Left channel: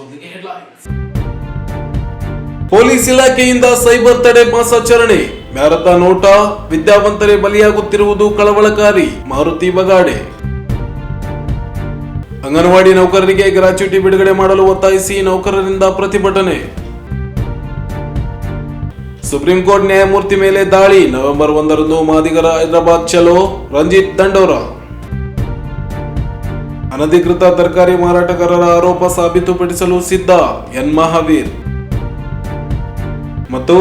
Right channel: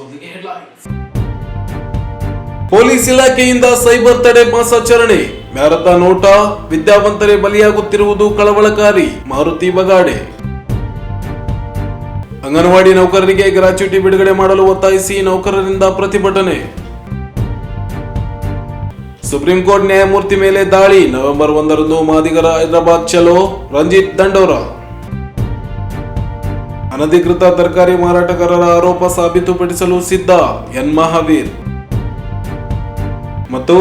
ಮೊದಲಿಗೆ headlines. Police ಇಲಾಖೆಯಿಂದ cyber ತಡೆ ಮಾಸಾಚರಣೆ. ಮ್ಯಾರಥಾನ್ ಓಟ, ವಿದ್ಯಾವಂತರೇ ಬಲಿಯಾಗುತ್ತಿರುವುದು ಕಳವಳಕಾರಿ. ಮಾರುತಿ ಬಗಾಡೆ. ಅಂಗನವಾಡಿ ನೌಕರರಿಗೆ ಗ್ರಾಚ್ಯುಟಿ ಬಿಡುಗಡೆ ಮಾಡಲು ಒತ್ತಾಯಿಸಿ ನೌಕರರಿಂದ ಪ್ರತಿಭಟನೆ. ಸುಪ್ರೀಂ ಕೋರ್ಟ್ ನ್ಯಾಯಮೂರ್ತಿ ಮೇಲೆ ದಾಳಿ. ನವೆಂಬರ್ 1ರಂದು ಮಾದಿಗರ ಹೈದರಾಬಾದ್ ಚಲೋ. ರಂಜಿತ್ ದಂಡೋರ. ಅನಧಿಕೃತ ತರಕಾರಿ ಮಾರಾಟಗಾರರ ಆರೋಪ ಸಾಬೀತುಪಡಿಸಲು ಸಿದ್ಧ. ಎನ್ ಮಹಾವೀರ್. ಮತ್ತು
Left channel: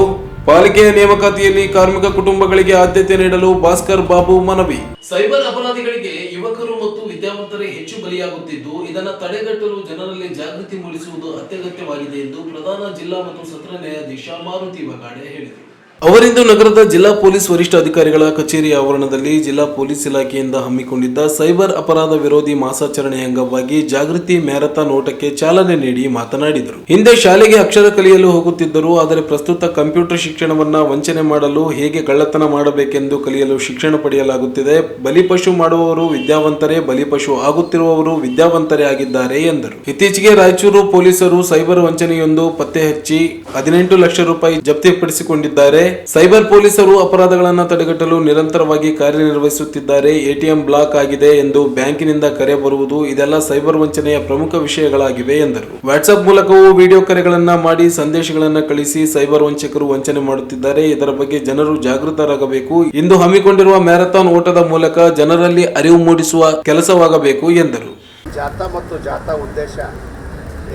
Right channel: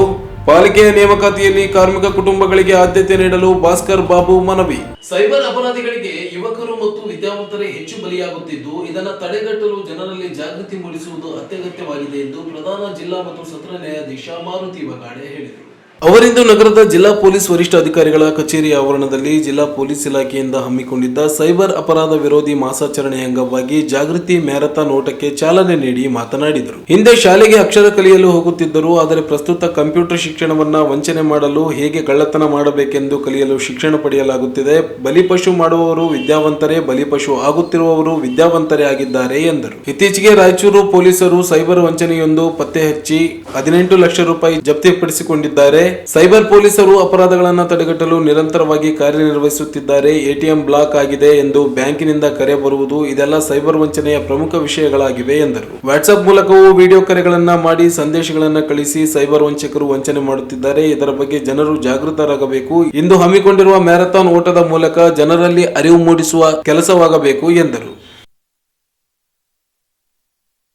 ಪಾಲಿಕೆಯ ನೇಮಕಾತಿಯಲ್ಲಿ ಕಾರ್ಮಿಕ ಕುಟುಂಬಗಳಿಗೆ ಆದ್ಯತೆ ನೀಡಲು ಭಾಸ್ಕರ್ ಬಾಬು ಮನವಿ. ಸೈಬರ್ ಅಪರಾಧಿಗಳಿಗೆ ಯುವಕರು ಮತ್ತು ವಿದ್ಯಾವಂತರೇ ಹೆಚ್ಚು ಬಲಿಯಾಗುತ್ತಿದ್ದು, ಇದನ್ನು ತಡೆಗಟ್ಟಲು ಜನರಲ್ಲಿ ಜಾಗೃತಿ ಮೂಡಿಸುವುದು ಅತ್ಯಗತ್ಯವಾಗಿದೆ ಎಂದು ಪ್ರಧಾನ ಜಿಲ್ಲಾ ಮತ್ತು ಸತ್ರ ನ್ಯಾಯಾಧೀಶ ಮಾರುತಿ ಬಗಾಡೆ ಹೇಳಿದರು. ಅವರಿಂದು ನಗರದ ಜಿಲ್ಲಾ ಪೊಲೀಸ್ ವರಿಷ್ಠಾಧಿಕಾರಿಗಳ ಕಚೇರಿ ಆವರಣದಲ್ಲಿ ಜಿಲ್ಲಾ ಪೊಲೀಸ್ ಇಲಾಖೆಯಿಂದ ಹಮ್ಮಿಕೊಂಡಿದ್ದ ಸೈಬರ್ ಅಪರಾಧ ವಿರೋಧಿ ಮಾಸಾಚರಣೆ ಅಂಗವಾಗಿ ಜಾಗೃತಿ ಮ್ಯಾರಥಾನ್ ಓಟಕ್ಕೆ ಚಾಲನೆ ನೀಡಿ ಮಾತನಾಡಿದರು. ಹಿಂದೆ ಶಾಲೆಗೆ ಅಕ್ಷರ ಕಲಿಯಲು ಹೋಗುತ್ತಿದ್ದರು, ಆದರೆ ಪ್ರಸ್ತುತ ಕಂಪ್ಯೂಟರ್ ಶಿಕ್ಷಣವನ್ನ ವಂಚನೆ ಮಾಡಲು, ಹೇಗೆ ಕಳ್ಳತನ ಮಾಡಬೇಕೆಂದು ಕಲಿಯಲು ಶಿಕ್ಷಣ ಪಡೆಯಲಾಗುತ್ತಿದೆ. ಬಲಿಪಶು ಮಾಡುವವರು ವಿದ್ಯಾವಂತರೇ, ಬಲಿಪಶು ಆಗುತ್ತಿರುವವರು ವಿದ್ಯಾವಂತರೇ ಆಗಿದ್ದಾರೆ ಎಂದರು. ಇತ್ತೀಚೆಗೆ ರಾಯಚೂರು ಪೊಲೀಸರು ಸೈಬರ್ ವಂಚನೆಯೊಂದು ಪತ್ತೆ ಹಚ್ಚಿ 18 ಲಕ್ಷ ರೂಪಾಯಿ ಜಪ್ತಿಪಡಿಸಿಕೊಂಡಿದ್ದಾರೆ. ಸೈಬರ್ ಪೊಲೀಸರು ಅಪರಾಧಗಳನ್ನು ತಡೆಗಟ್ಟಲು ನಿರಂತರವಾಗಿ ಕಾರ್ಯನಿರ್ವಹಿಸುತ್ತಿದ್ದಾರೆ. ಎಟಿಎಂ ಬ್ಲಾಕ್ ಆಗಿದೆ ಎಂದು ಬ್ಯಾಂಕಿನಿಂದ ಕರೆ ಬರುವುದು, ಇದೆಲ್ಲ ಸೈಬರ್ ವಂಚನೆಯ ಪ್ರಮುಖ ವಿಷಯಗಳಾಗಿವೆ ಎಂದರು. ವಾಟ್ಸ್ಆಪ್ ಮೂಲಕವೂ ವಿಡಿಯೋ ಕರೆಗಳನ್ನ ಮಾಡಿ ಸಂದೇಶಗಳನ್ನು ಕಳಿಸಿ ಸೈಬರ್ ವಂಚಕರು ವಂಚನೆ ಮಾಡುತ್ತಿದ್ದಾರೆ. ಇದರ ಬಗ್ಗೆ ಜನರು ಜಾಗೃತರಾಗಬೇಕು. ಇಂದು ಹಮ್ಮಿಕೊಂಡಿರುವ ಮ್ಯಾರಥಾನ್ ಓಟದ ಮೂಲಕ ಜನರಲ್ಲಿ ಅರಿವು ಮೂಡಿಸುವ ಕೆಲಸವಾಗಬೇಕು ಎಂದರು. ಜಾಥಾ ಮತ್ತು ಜಾಥಾ ಉದ್ದೇಶ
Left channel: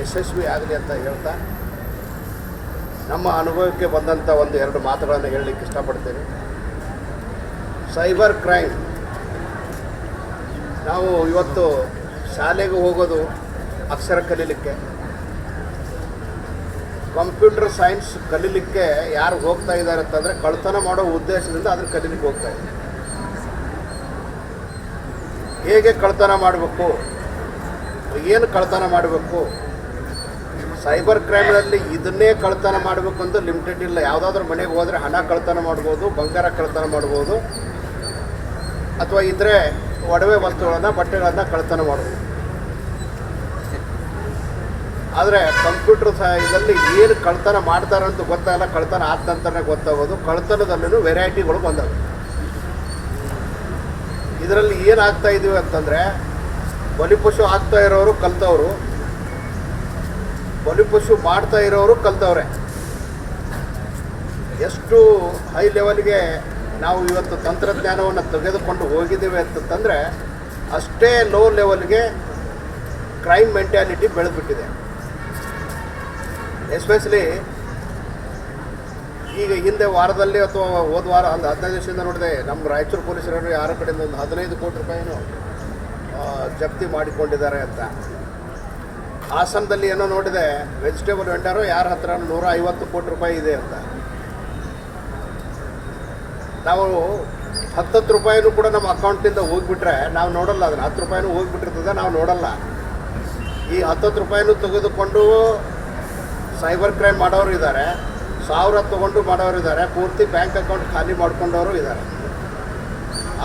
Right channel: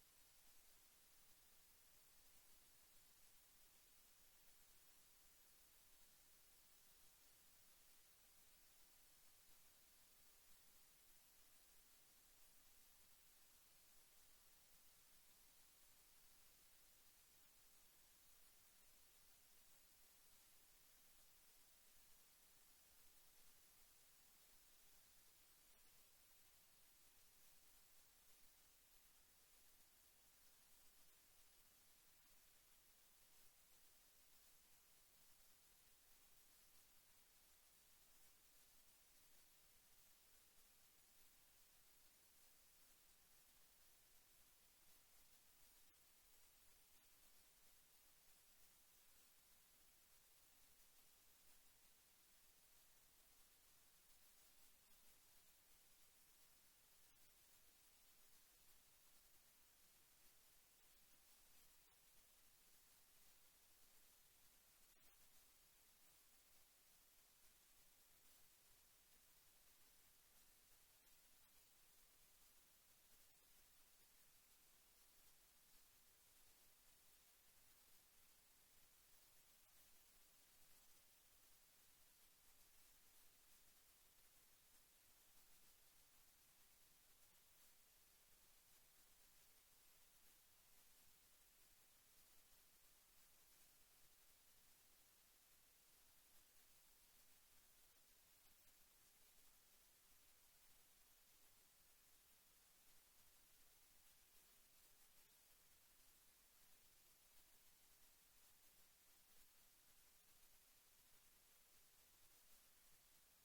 ಯಶಸ್ವಿ ಆಗಲಿ ಅಂತ ಹೇಳ್ತಾ ನಮ್ಮ ಅನುಭವಕ್ಕೆ ಬಂದಂಥ ಎರಡು ಮಾತುಗಳನ್ನು ಹೇಳಲಿಕ್ಕೆ ಇಷ್ಟಪಡ್ತೇನೆ. ಸೈಬರ್ ಕ್ರೈಮ್, ನಾವು ಇವತ್ತು ಶಾಲೆಗೆ ಹೋಗೋದು ಅಕ್ಷರ ಕಲೀಲಿಕ್ಕೆ, ಕಂಪ್ಯೂಟರ್ ಸೈನ್ಸ್ ಕಲೀಲಿಕ್ಕೆ ಯಾರು ಹೋಗ್ತಾ ಇದ್ದಾರೆ ಅಂತಂದರೆ ಕಳ್ತನ ಮಾಡೋ ಉದ್ದೇಶದಿಂದ ಅದನ್ನು ಕಲೀಲಿಕ್ಕೆ ಹೋಗ್ತಾ ಇದ್ದಾರೆ. ಹೇಗೆ ಕಳ್ತನ ಮಾಡಬೇಕು, ಏನು ಕಳ್ತನ ಮಾಡಬೇಕು, ಸೈಬರ್ ಕ್ರೈಮ್ನಲ್ಲಿ ಇದನ್ನೇ ಕಳ್ತನ ಮಾಡಬೇಕು ಅಂತ ಲಿಮಿಟೆಡ್ ಇಲ್ಲ. ಯಾವುದಾದ್ರೂ ಮನೆಗೆ ಹೋದರೆ ಹಣ ಕಳ್ತನ ಮಾಡ್ಬೋದು, ಬಂಗಾರ ಕಳ್ತನ ಮಾಡ್ಬೋದು, ಅಥವಾ ಇದ್ರೆ ಒಡವೆ ವಸ್ತುಗಳನ್ನು, ಬಟ್ಟೆಗಳನ್ನು ಕಳ್ತನ ಮಾಡ್ಬೋದು. ಆದರೆ ಕಂಪ್ಯೂಟರ್ ಇದರಲ್ಲಿ ಏನು ಕಳ್ತನ ಮಾಡ್ತಾರೆ ಅಂತ ಗೊತ್ತಾಗಲ್ಲ, ಕಳ್ತನ ಆದ ನಂತರನೇ ಗೊತ್ತಾಗೋದು. ಕಳ್ತನದಲ್ಲೂ ವೆರೈಟಿಗಳು ಬಂದವು. ಇದರಲ್ಲಿ ಏನಾಗ್ತಾ ಇದೀವಿ ಅಂತಂದರೆ, ಬಲಿಪಶು ಆಗ್ತಾ ಇರೋರು ಕಲ್ತವರು, ಬಲಿಪಶು ಮಾಡ್ತಾ ಇರೋರು ಕಲ್ತವ್ರೆ. ಎಷ್ಟು ಹೈ ಲೆವೆಲ್ಗೆ ನಾವು ಇವತ್ತು ತಂತ್ರಜ್ಞಾನವನ್ನು ತೆಗೆದುಕೊಂಡು ಹೋಗಿದ್ದೇವೆ ಅಂತಂದರೆ ಅಷ್ಟೇ ಲೋ ಲೆವೆಲ್ಗೆ ಕ್ರೈಮ್ ಮೆಂಟ್ಯಾಲಿಟಿ ಬೆಳೆದ್ಬಿಟ್ಟಿದೆ. ಎಸ್ಪೆಷಲಿ ಈಗ ಹಿಂದೆ ವಾರದಲ್ಲಿ ಅಥವಾ ಹೋದ ವಾರ ಒಂದು 15 ದಿವಸದಿಂದ ನೋಡಿದೆ, ನಮ್ಮ ರಾಯಚೂರು ಪೊಲೀಸರು ಯಾರ ಕಡೆಯಿಂದ ಒಂದು 15 ಕೋಟಿ ರೂಪಾಯಿನೂ ಜಪ್ತಿ ಮಾಡಿಕೊಂಡಿದ್ದಾರೆ ಅಂತ. ಹಾಸನದಲ್ಲಿ ಏನೋ ನೋಡಿದೆ, ವೆಜಿಟೇಬಲ್ ವೆಂಡರು ಯಾರ ಹತ್ರ 150 ಕೋಟಿ ರೂಪಾಯಿ ಇದೆ ಅಂತ. ನಾವು 10 ರೂಪಾಯಿನೂ ಕೂಡ ನಮ್ಮ ಅಕೌಂಟಿಂದ ಹೋಗಿಬಿಟ್ರೆ ನಾವು ನೋಡಲ್ಲ, ಅದನ್ನು 10 ರೂಪಾಯಿನೂ ಹೋಗಿಬಿಟ್ಟಿರ್ತದೆ, ನಾವು ನೋಡಲ್ಲ. ಈ 10 ರೂಪಾಯಿನೂ ತೆಗೆದುಕೊಂಡು ಸೈಬರ್ ಕ್ರೈಮ್ ಮಾಡೋರು ಇದ್ದಾರೆ, 1000 ತೊಗೊಂಡು ಮಾಡೋರು ಇದ್ದಾರೆ, ಪೂರ್ತಿ ಬ್ಯಾಂಕ್ ಅಕೌಂಟ್ ಖಾಲಿ ಮಾಡ್ಕೊಂಡವರು ಇದ್ದಾರೆ.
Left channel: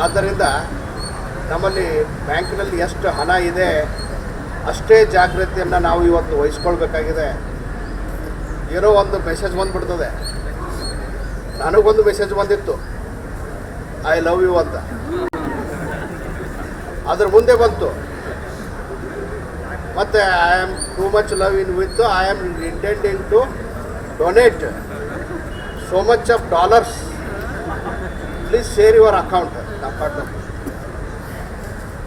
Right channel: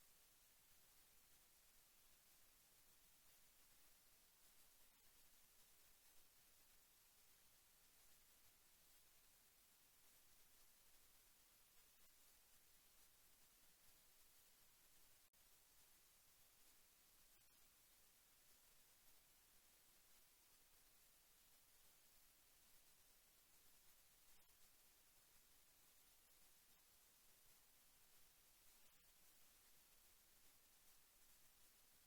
ಆದ್ದರಿಂದ ನಮ್ಮಲ್ಲಿ ಬ್ಯಾಂಕಿನಲ್ಲಿ ಎಷ್ಟು ಹಣ ಇದೆ ಅಷ್ಟೇ ಜಾಗೃತಿಯನ್ನು ನಾವು ಇವತ್ತು ವಹಿಸ್ಕೊಳ್ಬೇಕಾಗಿದೆ. ಏನೋ ಒಂದು ಮೆಸೇಜ್ ಬಂದುಬಿಡ್ತದೆ. ನನಗೊಂದು ಮೆಸೇಜ್ ಬಂದಿತ್ತು, ಐ ಲವ್ ಯು ಅಂತ. ಅದ್ರ ಮುಂದೆ ಬಂತು ಮತ್ತು I am too much love in with I am intending to donate so much of dollars, please share your account.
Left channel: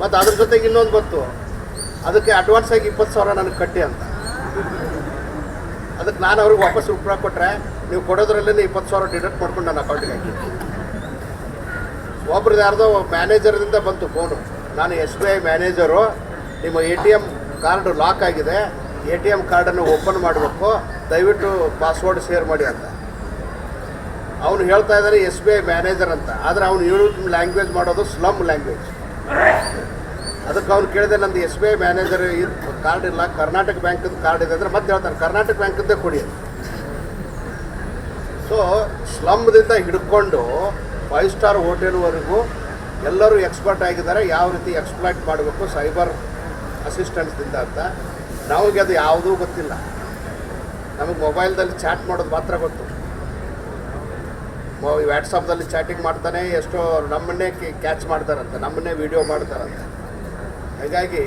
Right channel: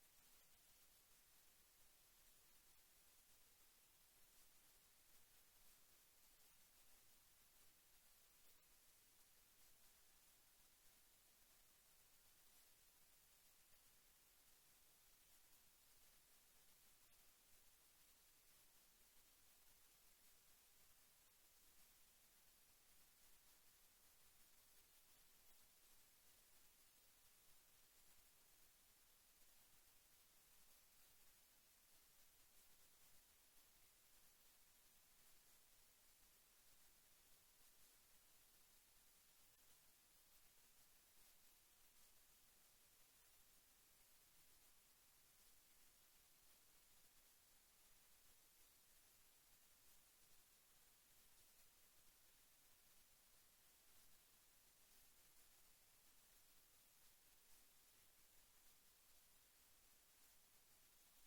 ಮತ್ತು ಅದ್ರ ಜೊತೆಗೆ ಇನ್ನೊಂದು ಬಂತು, ಅದಕ್ಕೆ ಅಡ್ವಾನ್ಸಾಗಿ 20,000 ನನಗೆ ಕಟ್ಟಿ ಅಂತ. ಅದಕ್ಕೆ ನಾನು ಅವ್ರಿಗೆ ವಾಪಸ್ ಉತ್ತರ ಕೊಟ್ಟರೆ, ನೀವು ಕೊಡೋದ್ರಲ್ಲೇ 20,000 ಡಿಡಕ್ಟ್ ಮಾಡ್ಕೊಂಡು ನನ್ನ ಅಕೌಂಟಿಗೆ ಹಾಕಿ. ಒಬ್ರದ್ದು ಯಾರ್ದೋ ಮ್ಯಾನೇಜರ್ದಿಂದ ಬಂತು ಫೋನು, ನಾನು SBI ಮ್ಯಾನೇಜರು, ನಿಮ್ಮ ATM ಕಾರ್ಡ್ ಲಾಕ್ ಆಗಿದೆ, ATM ಕಾರ್ಡನ್ನು ಓಪನ್ ಮಾಡಬೇಕು, ದಯವಿಟ್ಟು ಪಾಸ್ವರ್ಡ್ ಶೇರ್ ಮಾಡಿ ಅಂತ. ಅವನು ಹೇಳ್ತಾ ಇದ್ದಾನೆ SBI ಮ್ಯಾನೇಜರ್ ಅಂತ, ಆದರೆ ಅವನು ಯೂಸ್ ಲ್ಯಾಂಗ್ವೇಜ್ ಮಾಡೋದು ಸ್ಲಮ್ ಲ್ಯಾಂಗ್ವೇಜ್. ಅದಕ್ಕೆ ಅವ್ನು ಕೇಳಿದೆ, ನಂದು SBI ಮ್ಯಾನೇಜರ್ ಕಾರ್ಡ್ ಇಲ್ಲ, ಕರ್ನಾಟಕ ಬ್ಯಾಂಕದ ಕಾರ್ಡ್ ಇದೆ ಅಂದರೆ ಮತ್ತೆ ಹೇಳ್ತಾರೆ ಕರ್ನಾಟಕ ಬ್ಯಾಂಕದ್ದೇ ಕೊಡಿ. ಸೊ ಸ್ಲಮ್ದಿಂದ ಹಿಡ್ಕೊಂಡು 5 ಸ್ಟಾರ್ ಹೋಟೆಲ್ವರೆಗೂ ಎಲ್ಲರೂ ಎಕ್ಸ್ಪರ್ಟ್ ಆಗಿದ್ದಾರೆ ಯಾವ ರೀತಿ ಎಕ್ಸ್ಪ್ಲಾಯ್ಟ್ ಮಾಡಬೇಕು ಸೈಬರ್ ಅಸಿಸ್ಟೆಂಟ್ಸ್ದಿಂದ ಅಂತ. ನಮಗೆ ಅದು ಯಾವುದೂ ಗೊತ್ತಿಲ್ಲ. ನಮಗೆ ಮೊಬೈಲ್ದಲ್ಲಿ ಚಾಟ್ ಮಾಡೋದು ಮಾತ್ರ ಗೊತ್ತು. ವ್ಯಾಟ್ಸಪ್ದಲ್ಲಿ ಚಾಟಿಂಗ್ ಮಾಡ್ತಾನೆ, ಎಷ್ಟೋ ನಮ್ಮನ್ನೇ ಕ್ಯಾಚ್ ಮಾಡ್ತಾರಂತೆ, ನಮ್ಮನ್ನೇ ವಿಡಿಯೋ ಮಾಡ್ತಾರಂತೆ. ಹಾಗಾಗಿ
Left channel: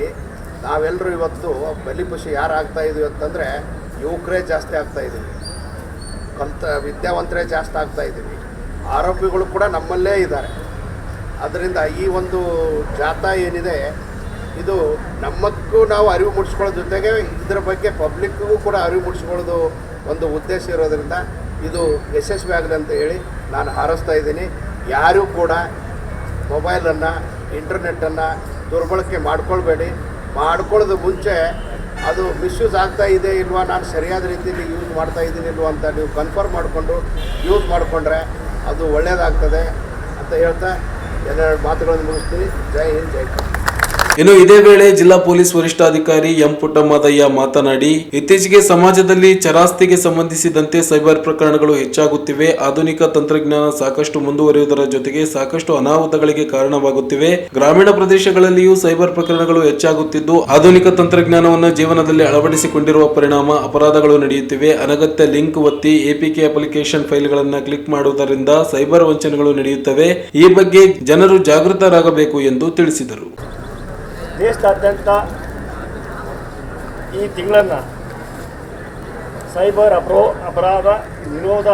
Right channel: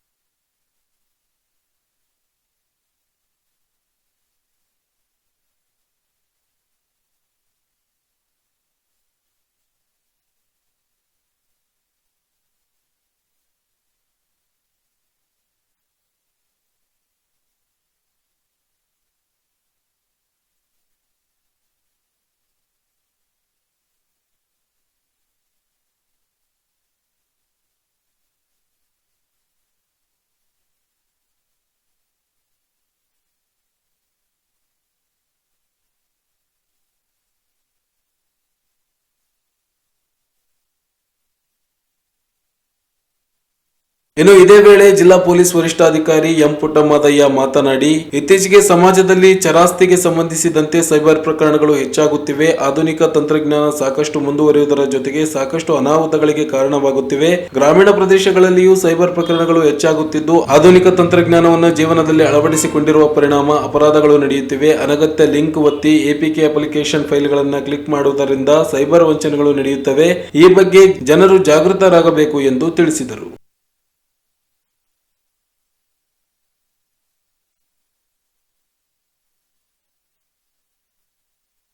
ನಾವೆಲ್ಲರೂ ಇವತ್ತು ಬಲಿಪಶು ಯಾರು ಆಗ್ತಾಯಿದ್ದೀವಿ ಅಂತಂದರೆ ಯುವಕರೇ ಜಾಸ್ತಿ ಆಗ್ತಾಯಿದ್ದೀವಿ, ವಿದ್ಯಾವಂತರೇ ಜಾಸ್ತಿ ಆಗ್ತಾಯಿದ್ದೀವಿ. ಆರೋಪಿಗಳು ಕೂಡ ನಮ್ಮಲ್ಲೇ ಇದ್ದಾರೆ. ಅದರಿಂದ ಈ ಒಂದು ಜಾಥಾ ಏನಿದೆ ಇದು ನಮ್ಮಕ್ಕೂ ನಾವು ಅರಿವು ಮೂಡಿಸ್ಕೊಳ್ಳೋ ಜೊತೆಗೆ ಇದರ ಬಗ್ಗೆ ಪಬ್ಲಿಕ್ಗೂ ಕೂಡ ಅರಿವು ಮೂಡಿಸ್ಕೊಳ್ಳೋದು ಒಂದು ಉದ್ದೇಶ ಇರೋದರಿಂದ ಇದು ಯಶಸ್ವಿ ಆಗಲಿ ಅಂತ ಹೇಳಿ ನಾನು ಹಾರೈಸ್ತಾ ಇದ್ದೀನಿ. ಯಾರೂ ಕೂಡ ಮೊಬೈಲನ್ನು, ಇಂಟರ್ನೆಟ್ಟನ್ನು ದುರ್ಬಳಕೆ ಮಾಡ್ಕೊಳ್ಬೇಡಿ. ಮಾಡ್ಕೊಳ್ಳೋದು ಮುಂಚೆ ಅದು ಮಿಸ್ಯೂಸ್ ಆಗ್ತಾ ಇದೆ ಇಲ್ವಾ, ನಾನು ಸರಿಯಾದ ರೀತಿಯಲ್ಲಿ ಯೂಸ್ ಮಾಡ್ತಾ ಇದ್ದೀನಿ ಇಲ್ವಾ ಅಂತ ನೀವು ಕನ್ಫರ್ಮ್ ಮಾಡಿಕೊಂಡು ಯೂಸ್ ಮಾಡಿಕೊಂಡ್ರೆ ಅದು ಒಳ್ಳೆಯದಾಗ್ತದೆ ಅಂತ ಹೇಳ್ತಾ ಎರಡೆರಡು ಮಾತುಗಳನ್ನು ಮುಗಿಸ್ತೀನಿ. ಜೈ ಹಿಂದ್, ಜೈ ಕರ್ನಾಟಕ. ಇನ್ನು ಇದೇ ವೇಳೆ ಜಿಲ್ಲಾ ಪೊಲೀಸ್ ವರಿಷ್ಠಾಧಿಕಾರಿ ಎಂ ಪುಟ್ಟಮ್ಮದಯ್ಯ ಮಾತನಾಡಿ, ಇತ್ತೀಚೆಗೆ ಸಮಾಜದಲ್ಲಿ ಚರಾಸ್ತಿಗೆ ಸಂಬಂಧಿಸಿದಂತೆ ಸೈಬರ್ ಪ್ರಕರಣಗಳು ಹೆಚ್ಚಾಗುತ್ತಿವೆ. ಆಧುನಿಕ ತಂತ್ರಜ್ಞಾನ ಸಾಕಷ್ಟು ಮುಂದುವರಿಯುವುದರ ಜೊತೆಗೆ ಸಾಕಷ್ಟು ಅನಾಹುತಗಳಿಗೆ ಕಾರಣವಾಗುತ್ತಿವೆ. ಗ್ರಾಮೀಣ ಪ್ರದೇಶಗಳಲ್ಲಿಯೂ ಸೈಬರ್ ಪ್ರಕರಣಗಳು ಹೆಚ್ಚಾಗುತ್ತಿದ್ದು, ಆಧುನಿಕ ತಂತ್ರಜ್ಞಾನವನ್ನು ಜೀವನದಲ್ಲಿ ಅಳವಡಿಸಿಕೊಂಡಿರುವ ಪರಿಣಾಮ ಅಪರಾಧಗಳು ನಡೆಯುತ್ತಿವೆ. ಅನಗತ್ಯ ಲಿಂಕ್ ಒತ್ತಿ ಎಪಿಕೆ ಅಪ್ಲಿಕೇಶನ್ ಫೈಲ್ಗಳನ್ನು ಕ್ಲಿಕ್ ಮಾಡುವುದರಿಂದ ಸೈಬರ್ ವಂಚನೆಗಳು ನಡೆಯುತ್ತವೆ. ಈ ಬಗ್ಗೆ ಜನರು ಜಾಗೃತರಾಗಬೇಕು ಎಂದು ತಿಳಿಸಿದರು. ದೇಶದಾದ್ಯಂತ ಈ ತಿಂಗಳನ್ನು ಸೈಬರ್ ಅಪರಾಧ ವಿರೋಧ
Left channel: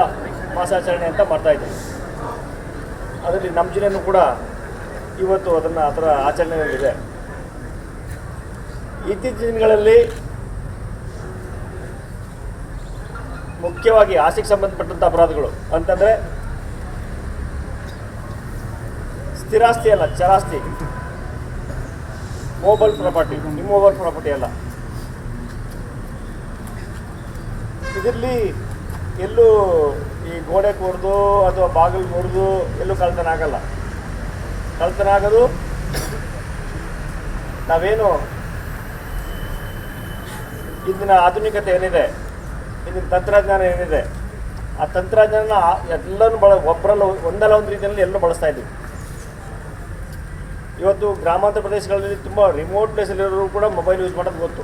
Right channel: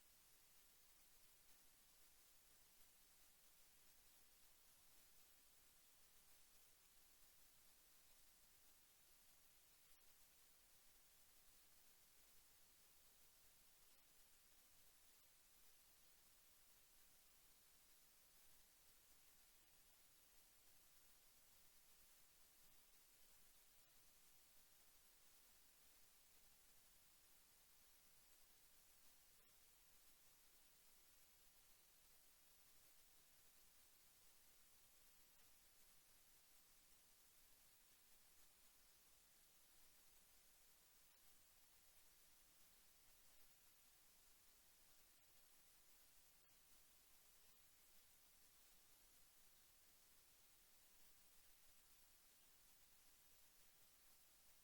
ಮಾಸಾಚರಣೆ ಅಂತ ಮಾಡ್ತಾಯಿದ್ದೀವಿ. ಅದರಲ್ಲಿ ನಮ್ಮ ಜಿಲ್ಲೆಯೂ ಕೂಡ ಇವತ್ತು ಅದರ ಆಚರಣೆಯಲ್ಲಿದೆ. ಇತ್ತೀಚಿನ ದಿನಗಳಲ್ಲಿ ಮುಖ್ಯವಾಗಿ ಆಸ್ತಿಗೆ ಸಂಬಂಧಪಟ್ಟಂಥ ಅಪರಾಧಗಳು ಅಂತಂದರೆ ಸ್ಥಿರಾಸ್ತಿ ಅಲ್ಲ, ಚರಾಸ್ತಿ, ಮೊಬೈಲ್ ಪ್ರಾಪರ್ಟಿ, ಇಮ್ಮೊಬೈಲ್ ಪ್ರಾಪರ್ಟಿ ಅಲ್ಲ. ಇದರಲ್ಲಿ ಎಲ್ಲೂ ಈ ಗೋಡೆ ಕೊಡ್ದು ಅಥವಾ ಬಾಗಿಲು ಮುರಿದು ಎಲ್ಲೂ ಕಳ್ತನ ಆಗಲ್ಲ. ಕಳ್ತನ ಆಗೋದು ನಾವೇನು ಇಂದಿನ ಆಧುನಿಕತೆ ಏನಿದೆ, ಇಂದಿನ ತಂತ್ರಜ್ಞಾನ ಏನಿದೆ, ಆ ತಂತ್ರಜ್ಞಾನ ಎಲ್ಲನೂ ಒಬ್ಬರಲ್ಲ ಒಂದಲ್ಲ ಒಂದು ರೀತಿಯಲ್ಲಿ ಎಲ್ಲರೂ ಬಳಸ್ತಾ ಇದ್ದೀವಿ. ಇವತ್ತು ಗ್ರಾಮಾಂತರ ಪ್ರದೇಶಗಳಲ್ಲಿ ತುಂಬ ರಿಮೋಟ್ ಪ್ಲೇಸಲ್ಲಿರೋರು ಕೂಡ ಮೊಬೈಲ್ ಯೂಸ್ ಮಾಡೋದು ಗೊತ್ತು.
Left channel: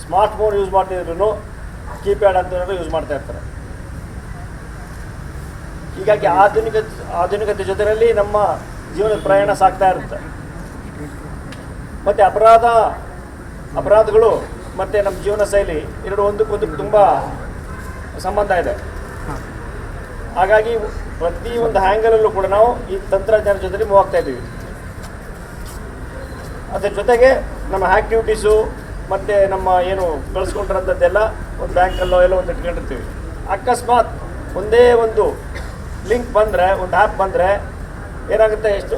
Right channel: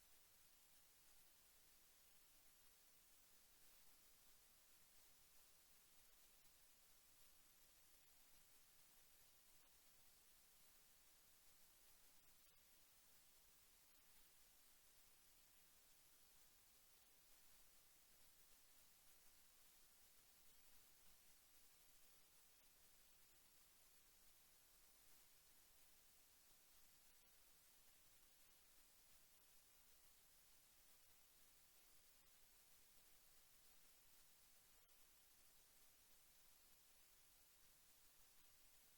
ಸ್ಮಾರ್ಟ್ ಫೋನ್ ಯೂಸ್ ಮಾಡ್ತಿದ್ರು ಕೀಪ್ಯಾಡ್ ಅಂತ ಯೂಸ್ ಮಾಡ್ತಾ ಇರ್ತಾರೆ. ಹೀಗಾಗಿ ಆಧುನಿಕತೆ ಜೊತೆಯಲ್ಲಿ ನಮ್ಮ ಜೀವನದ ಪ್ರಯಾಣ ಸಾಗ್ತಾ ಇರುತ್ತೆ. ಮತ್ತು ಅಪರಾಧಗಳು ಮತ್ತು ನಮ್ಮ ಜೀವನ ಶೈಲಿ ಎರಡು ಒಂದಕ್ಕೊಂದು ತುಂಬ ಸಂಬಂಧ ಇದೆ. ಹಾಗಾಗಿ ಪ್ರತಿ ಒಂದು ಹ್ಯಾಂಗಲಲ್ಲೂ ಕೂಡ ನಾವು ಈ ತಂತ್ರಜ್ಞಾನ ಜೊತೆಲಿ ಮೂವ್ ಆಗ್ತಾ ಇದ್ದೀವಿ. ಅದರ ಜೊತೆಗೆ ನಮ್ಮ ಆ್ಯಕ್ಟಿವಿಟೀಸು ಮತ್ತು ನಮ್ಮ ಏನು ಕಳಿಸ್ಕೊಂಡಿರೋಂಥದ್ದೆಲ್ಲ ಒಂದು ಬ್ಯಾಂಕಲ್ಲೋ ಎಲ್ಲೋ ಒಂದು ಇಟ್ಕೊಂಡಿರ್ತೀವಿ. ಅಕಸ್ಮಾತ್ ಒಂದೇ ಒಂದು ಲಿಂಕ್ ಬಂದರೆ, ಒಂದು ಆ್ಯಪ್ ಬಂದರೆ ಏನಾಗುತ್ತೆ, ಎಷ್ಟು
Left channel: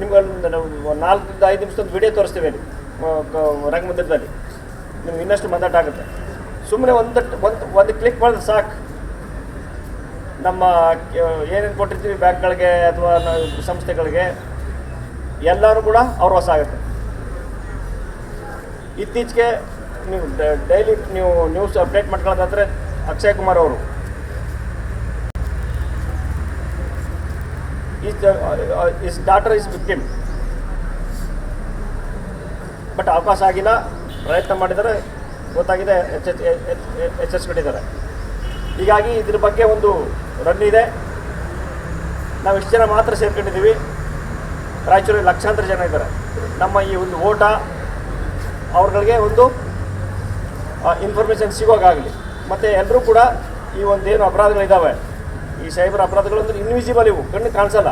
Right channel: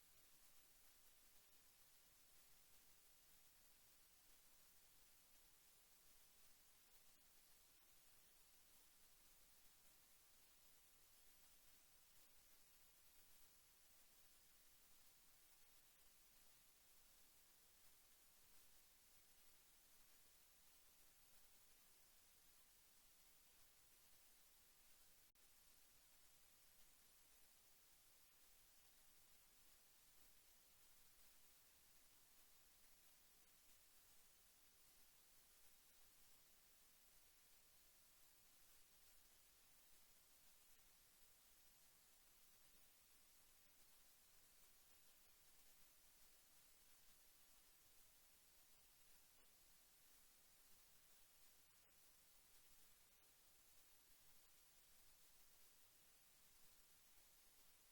ನಿಮ್ಗೆ 4-5 ನಿಮಿಷದ ವಿಡಿಯೋ ತೋರಿಸ್ತೀವಿ ಅಲ್ಲಿ ರಂಗಮಂದಿರದಲ್ಲಿ, ನಿಮ್ಗೆ ಇನ್ನಷ್ಟು ಮಂದಾಟ ಸುಮ್ಮನೆ ಒಂದು ಕ್ಲಿಕ್ ಮಾಡಿದ್ರೆ ಸಾಕು, ನಮ್ಮ ಏನೇನು ಕೊಟ್ಟಿರ್ತೀವಿ ಬ್ಯಾಂಕ್ಗಳಿಗೆ ಅಥವಾ ಸಂಸ್ಥೆಗಳಿಗೆ ಎಲ್ಲರೂ ಕೂಡ ಅವ್ರ ಹೊಸ ಆಗುತ್ತೆ. ಇತ್ತೀಚೆಗೆ ನೀವು ಡೈಲಿ ನೀವು ನ್ಯೂಸ್ ಅಪ್ಡೇಟ್ ಮಾಡ್ಕೊಳ್ಳೋದಾದರೆ ಅಕ್ಷಯ್ ಕುಮಾರ್ ಅವರು is daughter is victim, but ಅವಕಾಶ ಆಗಿಲ್ಲ, ಪ್ರಯತ್ನ ಮಾಡಿದರೆ ಗೊತ್ತಾಗಿದೆ, ಎಚ್ಚರಿಸ್ಕೊಂಡಿದ್ದಾರೆ. ಹೀಗಾಗಿ ಇದ್ರ ಬಗ್ಗೆ ಒಂದು ರನ್ ಇದೆ. ನಾವು ಇಷ್ಟು ಜನ ಮಾತ್ರ ಸೇರ್ಕೊಂಡಿದ್ದೀವಿ. ರಾಯಚೂರಲ್ಲಿ ಲಕ್ಷಾಂತರ ಜನ ಇದ್ದಾರೆ. ನಮ್ಮ ಈ ಒಂದು ಓಟ ಅವ್ರಗಳಿಗೆ ಒಂದು ಇನ್ಫಾರ್ಮೇಷನ್ ಸಿಗೋಕ್ಕಾಗಲಿ. ಮತ್ತು ಎಲ್ಲರೂ ಕೂಡ ಈ ಒಂದೇನು ಅಪರಾಧಗಳಿದ್ದಾವೆ, ಈ ಸೈಬರ್ ಅಪರಾಧಗಳು ಅಂದರೆ ಇನ್ವಿಸಿಬಲ್, ಇವು ಕಣ್ಣು ಕಾಣಿಸಲ್ಲ,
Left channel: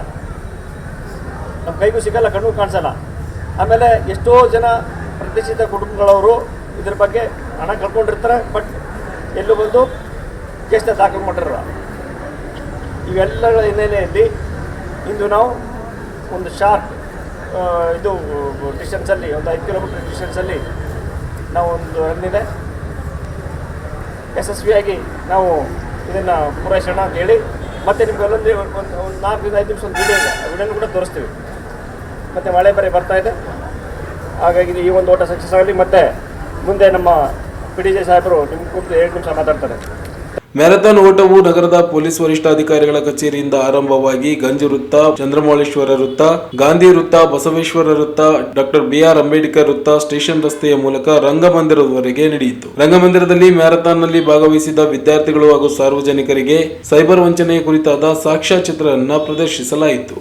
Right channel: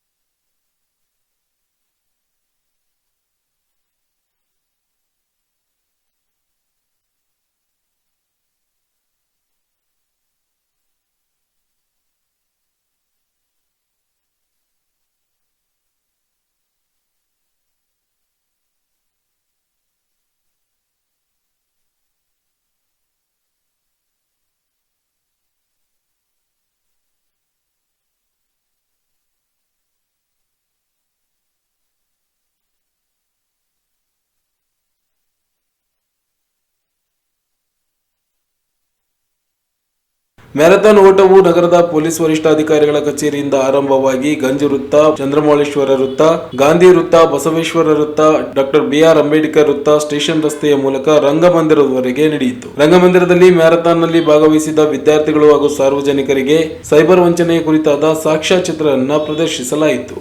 ನಮ್ಮ ಕೈಗೂ ಸಿಗಲ್ಲ, ಕಣ್ಣು ಕಾಣಿಸಲ್ಲ. ಆಮೇಲೆ ಎಷ್ಟೋ ಜನ ಪ್ರತಿಷ್ಠಿತ ಕುಟುಂಬಗಳವರು ಇದ್ರ ಬಗ್ಗೆ ಹಣ ಕಳ್ಕೊಂಡಿರ್ತಾರೆ, ಬಟ್ ಎಲ್ಲೂ ಬಂದು ಕೇಸ್ನ ದಾಖಲು ಮಾಡಿರಲ್ಲ. ಇವೆಲ್ಲಗಳ ಹಿನ್ನೆಲೆಯಲ್ಲಿ ಇಂದು ನಾವು ಒಂದು ಶಾರ್ಟ್ ಇದು ಡಿಸ್ಟೆನ್ಸಲ್ಲಿ, ಒಂದು 5 ಕಿಲೋಮೀಟರ್ ಡಿಸ್ಟೆನ್ಸಲ್ಲಿ ನಾವು ಒಂದು ರನ್ನಿದೆ, ಯಶಸ್ವಿಯಾಗಿ ನಾವು ಇದನ್ನು ಪೂರೈಸೋಣ ಅಂತ ಹೇಳಿ, ಮತ್ತು ನಿಮ್ಗೆಲ್ಲೊಂದು ಒಂದು 4-5 ನಿಮಿಷ ಒಂದು ವಿಡಿಯೋ ಇದೆ, ಆ ವಿಡಿಯೋನು ಕೂಡ ತೋರಿಸ್ತೀವಿ. ಮತ್ತು ಮಳೆ ಬೇರೆ ಬರ್ತಾ ಇದೆ, ಹಾಗಾಗಿ ಈ ಒಂದು ಓಟ ಸಕ್ಸಸ್ ಆಗಲಿ. ಮತ್ತು ಮುಂದೆ ನಮ್ಮ PDJ ಸಾಹೇಬರು ನಿಮ್ಮ ಕೂತು 2 ನಿಮಿಷ ಮಾತಾಡ್ತಾರೆ. ಮ್ಯಾರಥಾನ್ ಓಟವು ನಗರದ ಪೊಲೀಸ್ ವರಿಷ್ಠಾಧಿಕಾರಿಗಳ ಕಚೇರಿಯಿಂದ ಆರಂಭವಾಗಿ ಗಂಜ್ ವೃತ್ತ, ಚಂದ್ರಮೌಳೇಶ್ವರ ವೃತ್ತ, ಗಾಂಧಿ ವೃತ್ತ, ಬಸವೇಶ್ವರ ವೃತ್ತ, ಡಾಕ್ಟರ್ ಬಿಆರ್ ಅಂಬೇಡ್ಕರ್ ವೃತ್ತ, ಸ್ಟೇಷನ್ ರಸ್ತೆಯ ಮೂಲಕ ರಂಗಮಂದಿರದವರೆಗೆ ನಡೆಯಿತು. ರಂಗಮಂದಿರದಲ್ಲಿ ಮ್ಯಾರಥಾನ್ನಲ್ಲಿ ಭಾಗವಹಿಸಿದ ವಿದ್ಯಾರ್ಥಿಗಳು ಹಾಗೂ ಸಾರ್ವಜನಿಕರಿಗೆ ಸೈಬರ್ ವಂಚನೆಯ ಕುರಿತಾದ ಸಾಕ್ಷ್ಯಚಿತ್ರವನ್ನು ಪ್ರದರ್ಶಿಸಲಾಯಿತು.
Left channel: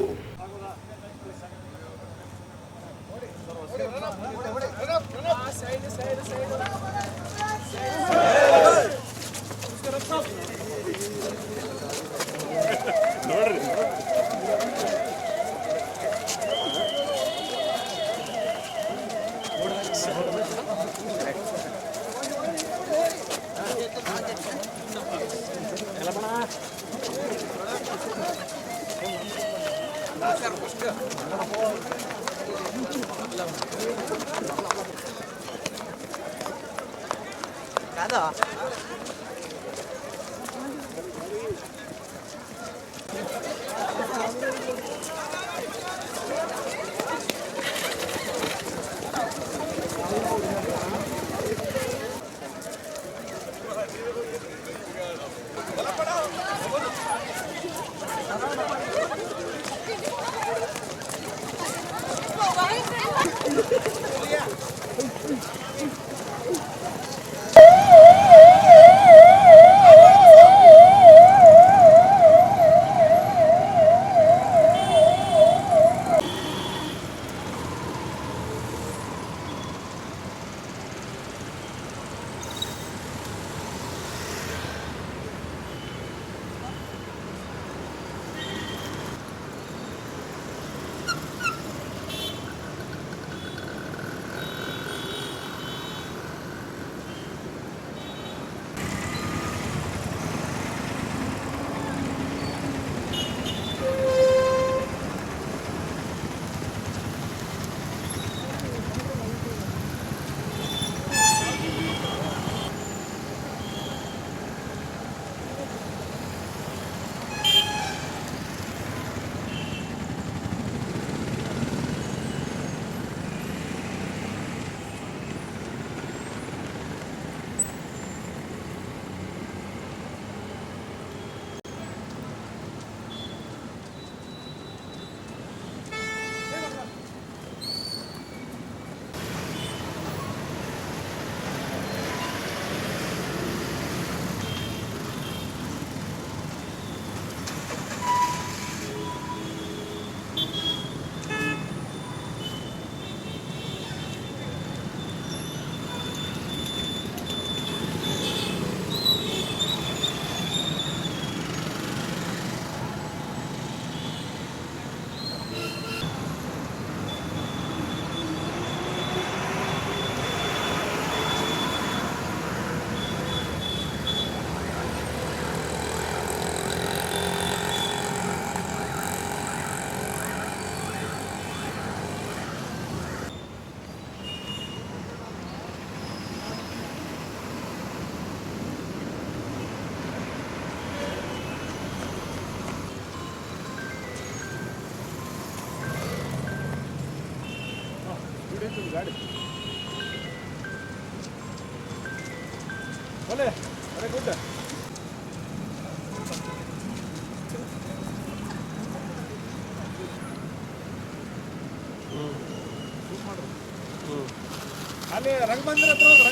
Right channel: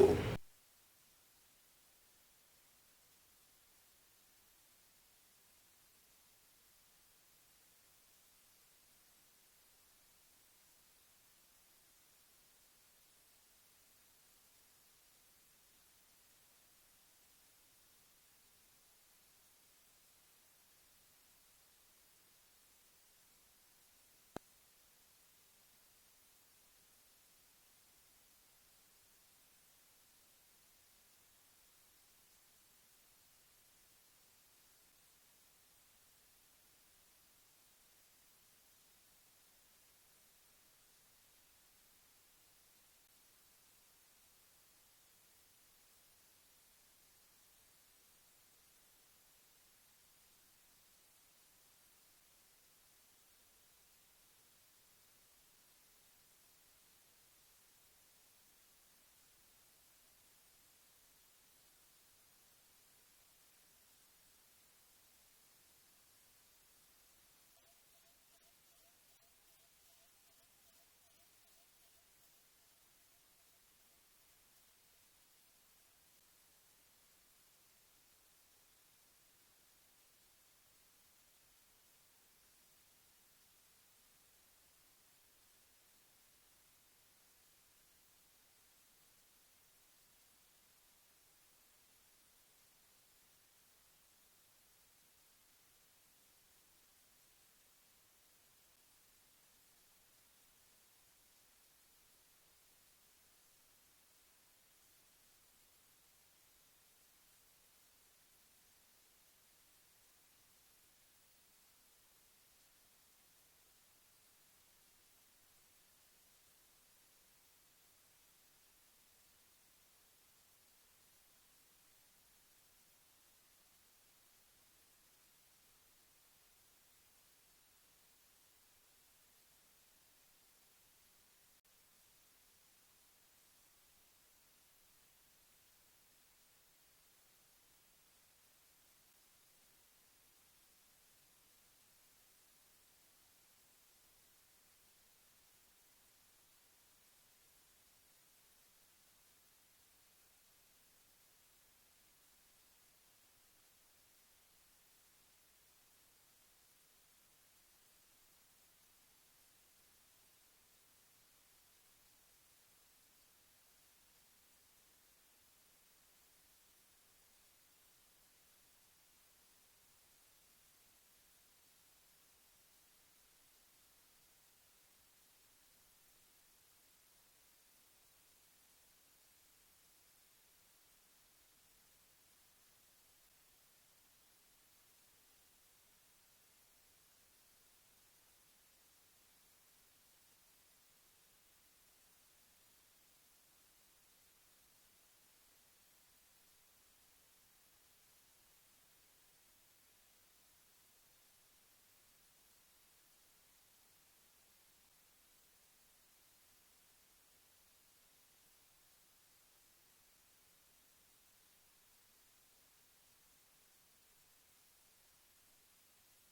ಅಲ್ಲಿ ರಂಗಮಂದಿರ ಹತ್ರ ಹೋಗಿ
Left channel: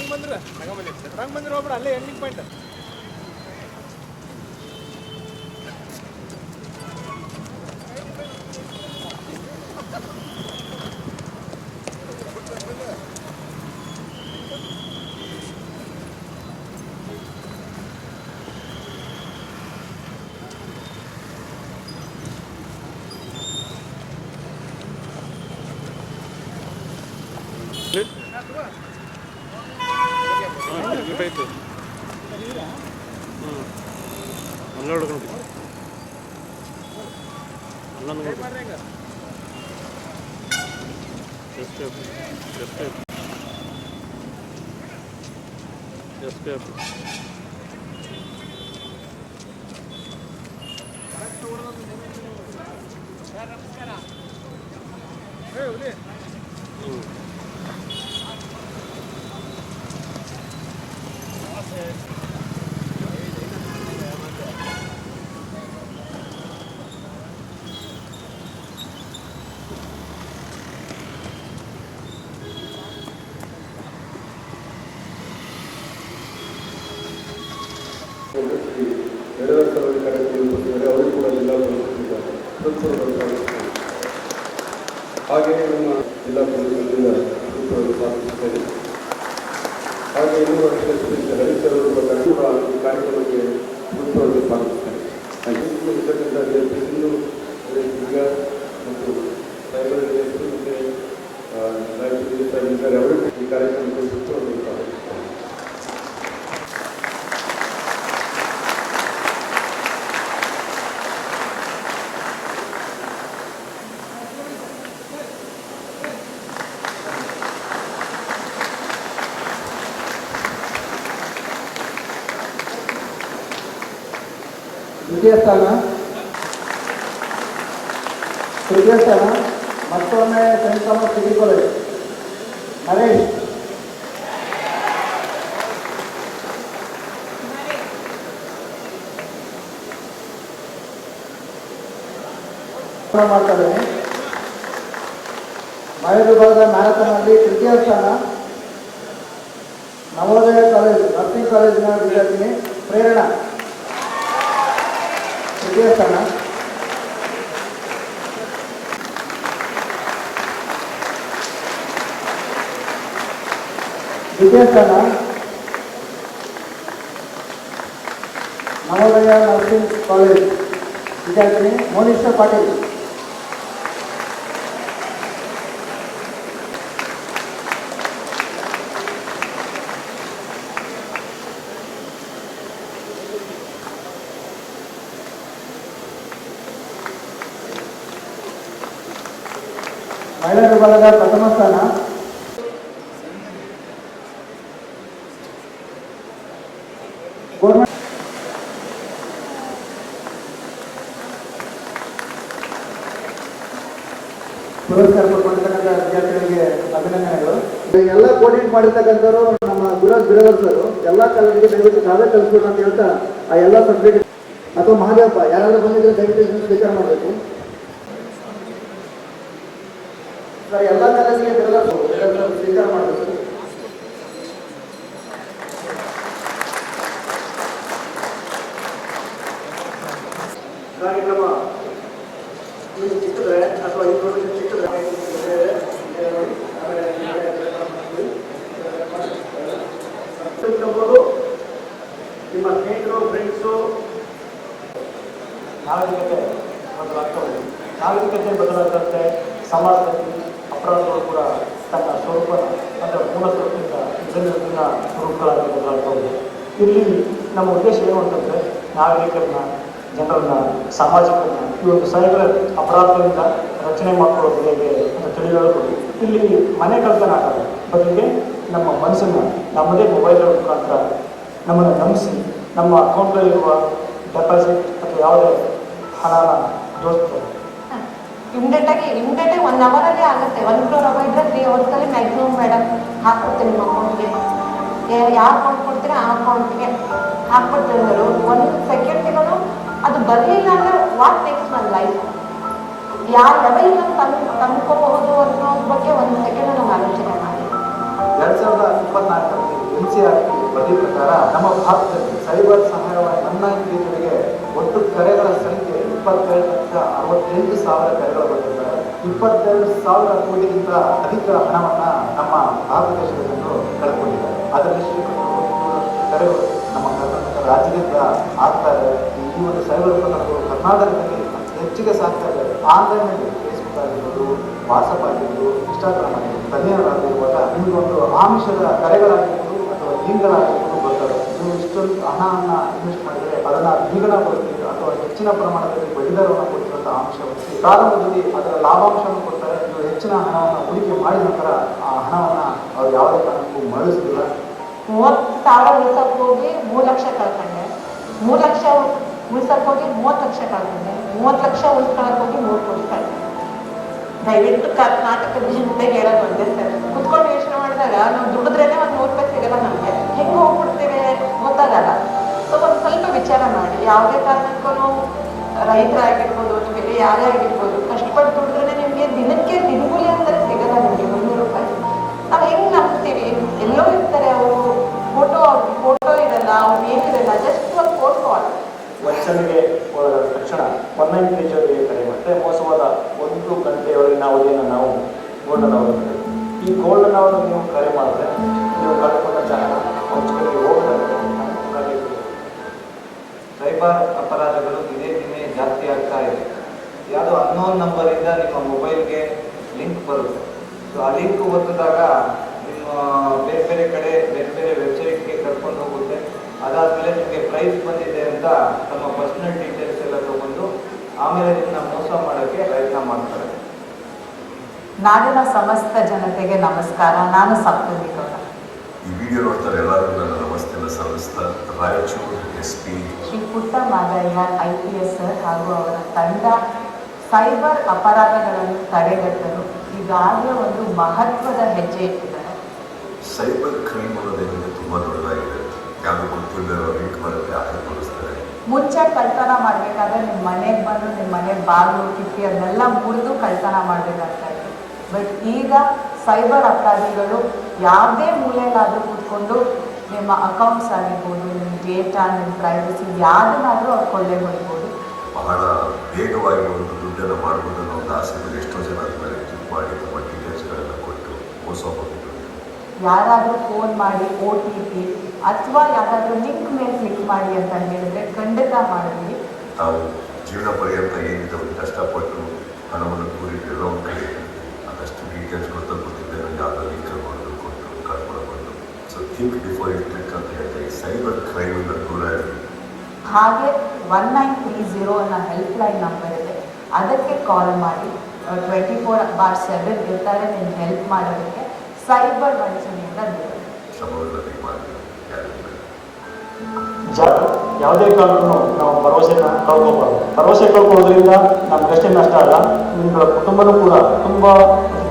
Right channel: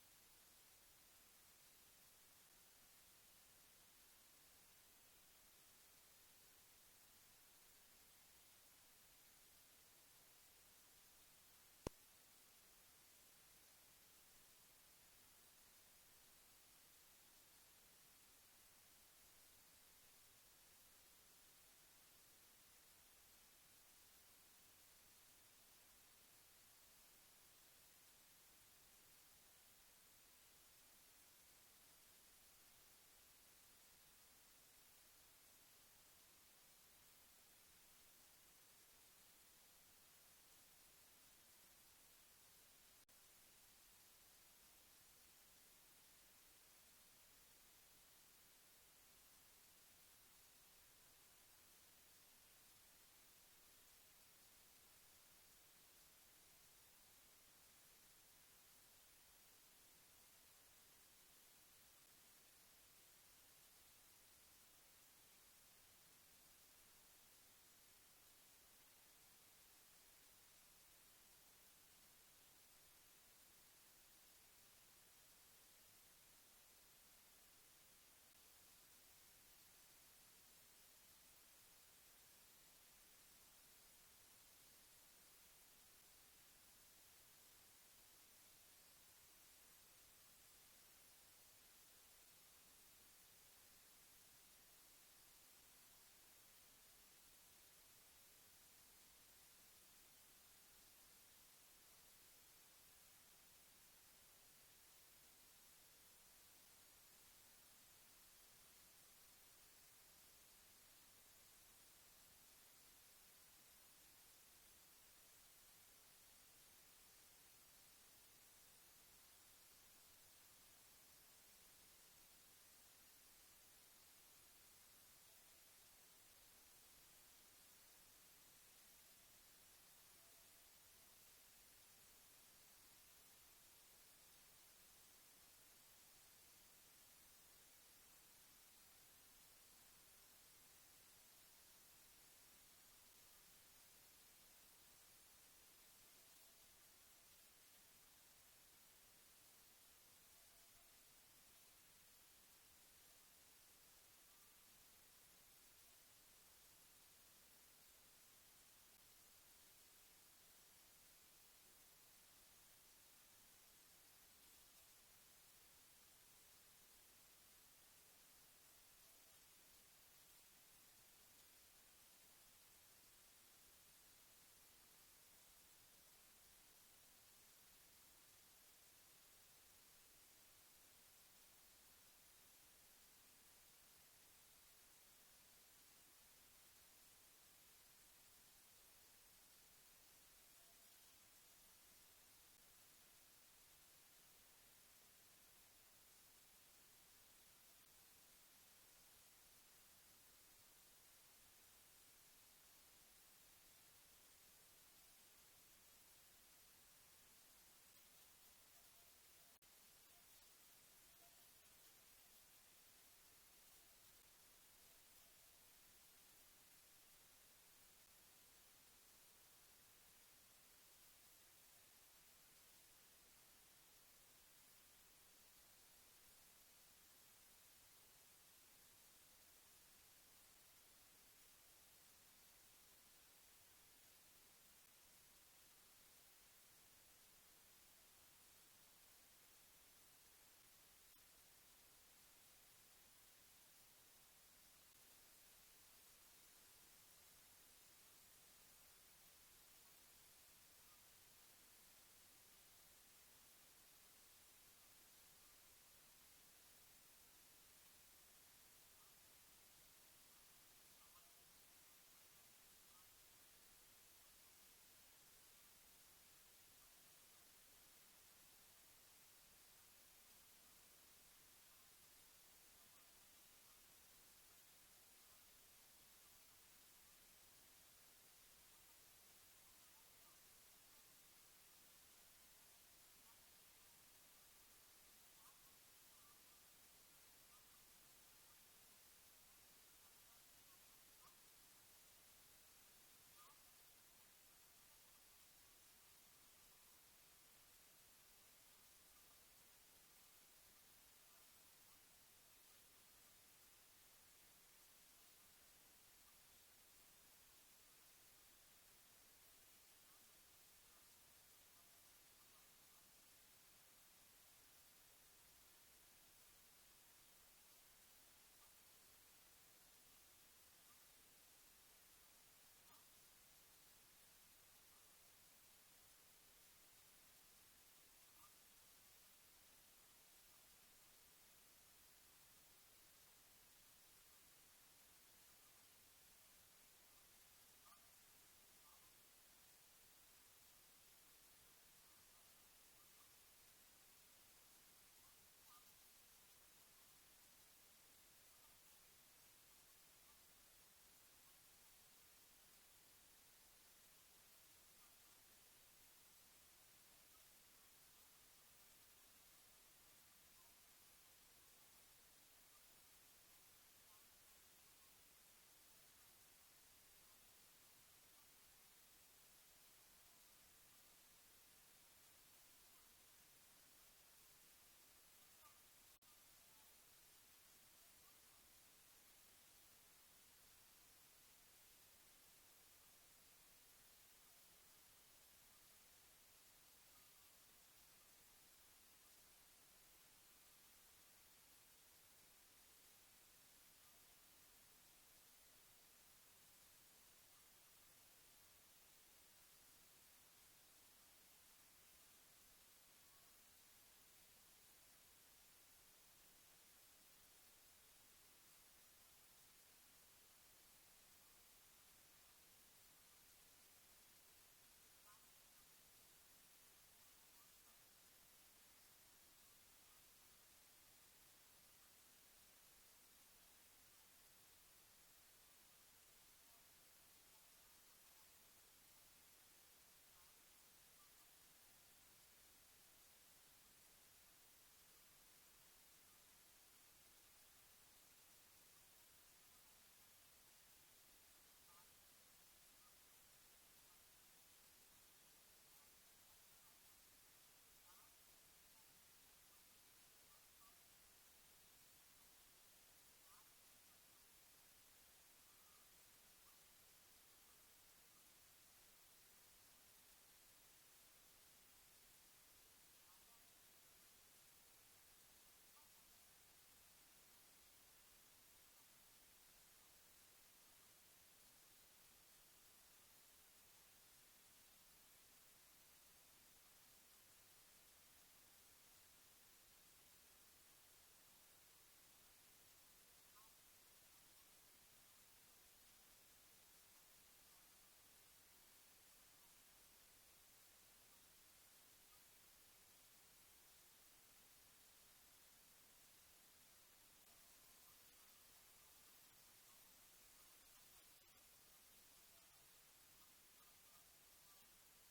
ರಂಗಮಂದಿರ ಹೋಗ್ಬಿಡ ಅಲ್ಲೇ ಎಂಡಿಂಗ್ ಪಾಯಿಂಟ್. ಶ್ರೀ ಯಡಿಯೂರಪ್ಪರವರ ಕಾರ್ಯಕ್ರಮದಲ್ಲಿ ಅವರಿಗೂ ಕೂಡ ಜಿಲ್ಲಾ ಪೊಲೀಸರಿಂದ ಹಾಗೆಯೇ ನಮ್ಮ ಜಿಲ್ಲಾ ಪೊಲೀಸರಿಂದ ಸ್ಥಾಪಿಸುತ್ತೇನೆ. ಹಾಗೆ ಇನ್ನೂ ಹರಿಸರವರು ಕೂಡ ಈ ಕಾರ್ಯಕ್ರಮಕ್ಕೆ ಸೂತ್ರವನ್ನು ಸ್ವಾಗತಿಸುತ್ತೇನೆ. ಇರ್ತಕ್ಕಂಥ ಈಗ ಮತ್ತು ಸೈಬರ್ ಮತ್ತು ಅವರಿಗೆ ಈ ಕಾರ್ಯಕ್ರಮಕ್ಕೆ ಸೂತ್ರವನ್ನು ಸ್ವಾಗತಿಸುತ್ತೇನೆ. ತೃತೀಯ ಸ್ಥಾನ ಮತ್ತೊಮ್ಮೆ saint Thomas degree college Naresh. ಮಾಡ್ತಾರೆ. ಮಹಿಳಾ ವಿಭಾಗದ ಮ್ಯಾರಥಾನ್ನಲ್ಲಿ ತೃತೀಯ ಸ್ಥಾನ ನವೋದಯ ಕಾಲೇಜ್ ನರ್ಸಿಂಗ್ ಕಾಲೇಜಿನ ವಿದ್ಯಾರ್ಥಿನಿ ಪ್ರೇರಣಾ ತೃತೀಯ ಸ್ಥಾನ. ದ್ವಿತೀಯ ಸ್ಥಾನ ನವೋದಯ ನರ್ಸಿಂಗ್ ಕಾಲೇಜ್ ವಿದ್ಯಾರ್ಥಿನಿ ಮೋನಿಶಾ ಪಾಟೀಲ್. ಮಹಿಳಾ ವಿಭಾಗದ ಪ್ರಥಮ ಸ್ಥಾನ ಗೌರ್ಮೆಂಟ್. ಪುರಸ್ಕಾರ ಪಡ್ಕೊಂಡಿರ್ತಕ್ಕಂಥ ವಿದ್ಯಾರ್ಥಿಗಳಿಗೆ ಅಭಿನಂದನೆಗಳು. ಎಲ್ಲ ಕೋಆರ್ಡಿನೇಟ್ ಮಾಡಿರ್ತಕ್ಕಂಥವ್ರು ನಮ್ಮ ಗುರುರಾಜ್ ಬಿರವರ್ಸರು ಎಲ್ಲ ಕಾಲೇಜಿಗೆ ದಯವಿಟ್ಟು ನಾವೇ ಕಲಿಸ್ಬೇಕು ಅಂತ ಹೇಳ್ತಾ ಆ ಎಲ್ಲ ಸಬ್ಜೆಕ್ಟ್ ಅಥವಾ ಮಹಾದೇವಪ್ಪ ಯಾರಾದ್ರೂ ಬಂದಿದ್ರೆ ದಯವಿಟ್ಟು ಸ್ವೀಕಾರ ಮಾಡಬೇಕು ಸರ್. ಎಲ್ಲ ಕಾಲೇಜಿಗೆ ಸ್ವೀಕಾರ ಮಾಡಬೇಕು. ಕಾರ್ಯಕ್ರಮ ಚಿಕ್ಕಿದ್ರೆ ಅಥವಾ ಇನ್ಫಾರ್ಮೇಶನ್ ಚಿಕ್ಕಿದ್ರೆ ನಿಮ್ಮ ಸ್ನೇಹಿತರು ಫ್ರೆಂಡ್ಸು ನಾಗರಿಕತೆ ಬದಲಾಗ್ತವೆ. ನಾಗರಿಕತೆ ಬದಲಾದಂತೆ ಸಮಾಜದಲ್ಲಿ ಅಪರಾಧಗಳು ಕೂಡ ತನ್ನ ಸ್ವರೂಪ ಅಂದರೆ ಮೂಲ ಸ್ವರೂಪದಿಂದ ಜನರಿನ ಸ್ವರೂಪಗಳಾಗಿ ಬದಲಾಗ್ತವೆ. ಇಲ್ಲಿ ನಮ್ಮ ಉದ್ದೇಶ ಏನು ಅಂತಂದರೆ ನಾಗರಿಕರನ್ನ, ಜನರನ್ನ, ಸಾಮಾಜಿಕರನ್ನ ಈ ಒಂದು ಸೈಬರ್ ಅಪರಾಧಗಳಿಂದ ರಚನೆ ಮಾಡ್ಕೊಳ್ಳೋದು ಹೇಗೆ ಅಂತ ತಿಳಿಯೋದು. ಇಲ್ಲಿ ಮನೆ ಕಳ್ತನ ಆಗಲ್ಲ, ಬದಲಿಗೆ ನಮ್ಮ ಮನಸ್ಸನ್ನು ನಮ್ಮದೇ ಮೊಬೈಲ್ ಮುಖಾಂತರ ನಮ್ಮನ್ನು ನಂಬಿಸಿ ನಮ್ಮ ಅಕೌಂಟ್ನಲ್ಲಿರುವ ಡೆಪಾಸಿಟ್ ಅಥವಾ ಯಾವುದೇ ಹಣನ ದೋಸ್ತಾರೆ. ಇಮಿಡಿಯೇಟಾಗಿ 1 ಅವರಲ್ಲಿ ಆಗುತ್ತೆ. 1 crore ರೂಪಾಯಿ ಇದ್ದರೆ 3 ಅವರ್ಸಲ್ಲಿ ಮ್ಯಾಕ್ಸಿಮಮ್ ಮೇಡಮ್ ಹಾಕ್ಕೊಡ್ತೀನಿ ನಿಮ್ಮ ಅಕೌಂಟ್ಗೆ. ಯಾವ ಅಕೌಂಟ್ ಕೊಡ್ತೀರಾ ಆ ಅಕೌಂಟ್ಗೆ ಹಾಕ್ಬಿಡ್ತೀನಿ. 1 ಸೆಕೆಂಡಿಗೂ ಅದು ಬರಲಿಲ್ಲ ಅಂದರೆ ವಾಟ್ ನೆಕ್ಸ್ಟ್ ನನ್ನ ಲೈಫ್ ಯಾವ ಲೆವೆಲ್ ತಂದ್ಕೋಬಹುದು ಅನ್ನೋದ್ರ ಬಗ್ಗೆ 1 ಸೆಕೆಂಡ್ ನಾವು ಆಲೋಚನೆ ಮಾಡಿ. 2024ರಲ್ಲಿ NCRT ವರದಿ ಪ್ರಕಾರ ನಮ್ಮ ಭಾರತದಲ್ಲಿ ಸೈಬರ್ ಸಹಾಯವಾಣಿ 19 ಒಟ್ಟು ಕರೆಗಳ ಸಂಖ್ಯೆ 22,68,000 ಕರೆಗಳು ಬಂದಿದ್ದಾರೆ. 22,000 ಕೋಟಿಗಿಂತ ಅಧಿಕ ಹಣವನ್ನು ನಮ್ಮ ಭಾರತ ದೇಶದ ಜನರು ಕಳೆದುಕೊಂಡಿದ್ದಾರೆ. ಅದರಲ್ಲಿ ಕರೆಗಳು ನಮ್ಮ ಕರ್ನಾಟಕ ರಾಜ್ಯದಿಂದ ಆಗ್ತಾ ಇದೆ. ಈ ಒಂದು ಸೈಬರ್ ಪ್ರಕರಣಗಳು ಕರ್ನಾಟಕದಲ್ಲಿ ಹೆಚ್ಚಿಗೆ ಸಾಗ್ತಾ ಇದೆ. ಆನ್ಲೈನ್ನಲ್ಲಿ ಫೇಸ್ಬುಕ್ ಆಗಿರ್ಬೋದು, ವಾಟ್ಸಪ್ ಆಗಿರ್ಬೋದು, ಇನ್ಸ್ಟಾಗ್ರಾಮ್ ಆಗಿರ್ಬೋದು, ತಜ್ಞರಾಗಿರುವಾಗ ನಿಮಗೊಂದು ಆಮಿಷದ ಕರೆಗಳಾಗಿರ್ಬೋದು ಅಥವಾ ಲಿಂಕ್ಗಳಾಗಿರ್ಬೋದು ಬರ್ತವೆ. ನೀವು ಇಷ್ಟೊಂದು ಹಣವನ್ನು ಇನ್ವೆಸ್ಟ್ ಮಾಡಿದರೆ ಅದನ್ನು ದ್ವಿಗುಣ ಕೊಡ್ತೀವಿ ಅಥವಾ ಹೆಚ್ಚಿನ ಪ್ರಮಾಣದಲ್ಲಿ ಬಡ್ಡಿದರವನ್ನು ಕೊಡ್ತೀವಂತ ಆಮಿಷ ಹೊಂದಿ ಪ್ರಾರಂಭದಲ್ಲಿ ಅದರ ಲಾಭಾಂಶವನ್ನು ಕೊಡ್ತಾರೆ. ನೀವು ಹೆಚ್ಚಿನ ಹಣವನ್ನು ಹೂಡಿಕೆ ಮಾಡಿದ ನಂತರ ಆ ಹಣವನ್ನು ಅವರು ಯಾವುದೇ ಕಾರಣಕ್ಕೂ ಮರಳಿಸಲಿಲ್ಲ. 30,000 ಉಳಿಸೋಕೆ ಹೋಗಿ 3 ಲಕ್ಷ ಕಳ್ಕೊಂಡೆ. 3 ಲಕ್ಷ ಉಳಿಸೋಕೆ ಹೋಗಿ 30 ಲಕ್ಷ ಕಳ್ಕೊಂಡೆ. 30 ಲಕ್ಷ ಉಳಿಸ್ಕೊಳಕ್ಕೆ ಹೋಗಿ 3 ಕೋಟಿ ಕಳ್ಕೊಂಡೆ. ದಯವಿಟ್ಟು ಕರ್ನಾಟಕದ ಜನತೆಗೆ ಹೇಳೋದು ಒಂದೇ ಸರ್, ಕುತ್ಕೊಂಡು ಯೋಚನೆ ಮಾಡಿದಾಗ ನಾವು ದುಡಿದ್ರೇನೆ 1 100 ರೂಪಾಯಿ ಸಿಗಲ್ಲ ನಮಗೆ. ಹೆಂಗೆ ಹೋಗ್ಬಿಡ್ತೇವೆ ಗೊತ್ತಾಗಲ್ಲ. ಸೊ ಒಂದು ಸ್ವಲ್ಪ ವಿಚಾರ ಮಾಡಿ. ಯಾವುದೇ ಕಾರಣಕ್ಕೂ ರೈತರಾಗಿರ್ಬೋದು ಅಥವಾ ಯಾರೇ ಆಗಿರ್ಬೋದು ಕಷ್ಟಪಟ್ಟು ದುಡಿದ್ರೆ ನಿಮಗೆ ದಿನಕ್ಕೆ ದಿನಗೂಲಿ ಅಂದರೆ ಸಿಗಲ್ಲ. ನಿಮಗೆ 100 ರೂಪಾಯಿ ನಾವು ಹೆಂಗೆ ನಂಬ್ತೀವಿ? ಎಲ್ಲೋ ಇರ್ತಾರೆ ಅವರು, ಫೋಟೋ ಇರಲ್ಲ, ಅವ್ರು ಏನಿರಲ್ಲ, ಜಸ್ಟ್ ಒಂದು ರೈಸ್ ಬಂದಿದೆ ಅಂತ ತಮ್ಮ ಪರ್ಸನಲ್ ಡೀಟೇಲ್ಸ್ ಎಲ್ಲ ತಗೊಂಡು ಆಮೇಲೆ ಇದನ್ನ ಮೋಸ ಮಾಡೋಕ್ಕೆ ಪ್ರಯತ್ನ ಮಾಡ್ತಾರೆ. ನಾಡಿನ ಸಮಸ್ತ ಜನತೆಗೆ ನಮಸ್ಕಾರ. ನಾನು ಸಪ್ತಮಿ ಗೌಡ. ಈ ವಿಡಿಯೋ ನೋಡ್ತಾರೆ ಎಲ್ಲರೂ ನನ್ನ ನಮಸ್ತೆನ ಸಲ್ಲಿಸ್ತಾ ರಾಯಚೂರು SP ಶ್ರೀ ಪುಟ್ಟ ಮಾದಯ್ಯ IPS ಸರ್ ಹಾಗೂ ಅವರ ತಂಡ ಸೈಬರ್ ಅಪರಾಧಗಳನ್ನು ತಡೆಗಟ್ಟಲು ಈಗಾಗಲೇ ಒಂದು ಮಹತ್ವದ ಹೆಜ್ಜೆ ಇಟ್ಟಿದ್ದಾರೆ. ಸೈಬರ್ ಕ್ರೈಮ್ ಅನ್ನೋದೇನಿದೆ ತುಂಬ ದೊಡ್ಡದಾಗಿದೆ. ಯಾರು ಗೊತ್ತಿಲ್ಲದ ಲಿಂಕ್ ಬರುತ್ತೆ ಹಾಕಿಕೊಡಿಸ್ತಾರೆ. ಮುಂಚೆ ಕಳ್ತನ ಮಾಡಬೇಕಾದ್ರೆ ನಿಮ್ಮ ಮನೆಗೆ ಬಂದು ನಿಮ್ಮ ಮನೆ ಬಾಗಿಲು ಕಿಟಕಿ ಅದನ್ನೆಲ್ಲ ಮುರಿದು ಕಳ್ತನ ಮಾಡಬೇಕಾಗ್ತಾ ಇತ್ತು. ಬಟ್ ಈಗ ಸೈಬರ್ ಅಪರಾಧಿಗಳು ಯಾವುದೇ ಮೂಲೆಯಲ್ಲಾದರೂ ಕೂತ್ಕೊಂಡು ನಿಮ್ಮ ಅಕೌಂಟ್ಸ್ ಆಗಿರ್ಬೋದು, ನಿಮ್ಮ ಡೇಟಾ, ನಿಮ್ಮ ಪ್ರೈವಸಿ ಯಾವುದನ್ನಾದರೂ ಅವ್ರು ಕೊಳ್ಳೆ ಹೊಡ್ಬೋದು. ಬಹಳ ವೇಗವಾಗಿ ಒಂದು ದುಡ್ಡನ್ನು ಮಾಡ್ಬೋದು ಅನ್ನೋ ಒಂದು ಆಸೆ ಮೇಲೆ ಎಷ್ಟೋ ಜನ ಅದನ್ನ ಕ್ಲಿಕ್ ಮಾಡಿ ತಮ್ಮ ಡೀಟೇಲ್ಸ್ಗಳನ್ನು ಕೊಟ್ಟು ಮೋಸ ಹೋಗಿದ್ರು. ಯಾರಾದರೂ ಫೋನ್ ಮಾಡಿ OTP ಅಥವಾ ಯಾವುದಾದ್ರೂ ಲಿಂಕ್ ಮೇಲೆ ಕ್ಲಿಕ್ ಮಾಡಿ ಅಂತ ಹೇಳಿದ್ರೆ ಖಂಡಿತ ಮಾಡಿದ್ವಿ. ತಾವು ಜೀವನ ಪರ್ಯಂತ ಏನಿದೆ ಒಂದು ಕಷ್ಟಪಟ್ಟು ಹಣವನ್ನು ಕೂರಿಟ್ಟಿರೋ ಒಂದು ಕಡೆ ಅದಷ್ಟು ಡೀಟೇಲ್ಸ್ ಗೊತ್ತಿದ್ದೆ ನನಗೆ ಯಾವುದೋ ಲಿಂಕ್ ಕೊಟ್ಟು ಕಳ್ಕೊಳ್ಬೋದು. So think before you click ಅಂತ ಹೇಳ್ತಾರೆ. ಈ ಸೈಬರ್ ಕ್ರೈಮಿಂದ ದೂರ ಇರಲಿ. ಹಾಗೆ 1930 ಅನ್ನೋ ಹೆಲ್ಪ್ಲೈನ್ ನಂಬರ್ ಇದೆ, ಅದಕ್ಕೆ ಕಾಲ್ ಮಾಡಿ 24/7 ಇರ್ತಾರೆ ನಿಮ್ಗೆ ಹೆಲ್ಪ್ ಮಾಡೋದಕ್ಕೆ. ಸೈಬರ್ ವಂಚನೆಯಿಂದ ದೂರ. ಶ್ರಮವಿಲ್ಲದೆ ಮಾಡಿ ಯಾವುದೇ ಕಾರಣಕ್ಕೂ ನಾವು ಭರವಸೆನ ಕಳ್ಕೊಬಾರ್ದು. ಭರವಸೆ ಕಳ್ಕೊಳ್ಳೋದ್ರಿಂದ ನಮ್ಗಷ್ಟೇ ನಷ್ಟ ಅಲ್ಲ, ನಿಮ್ಮಗಳ ಕುಟುಂಬನೂ ಕೂಡ ತುಂಬ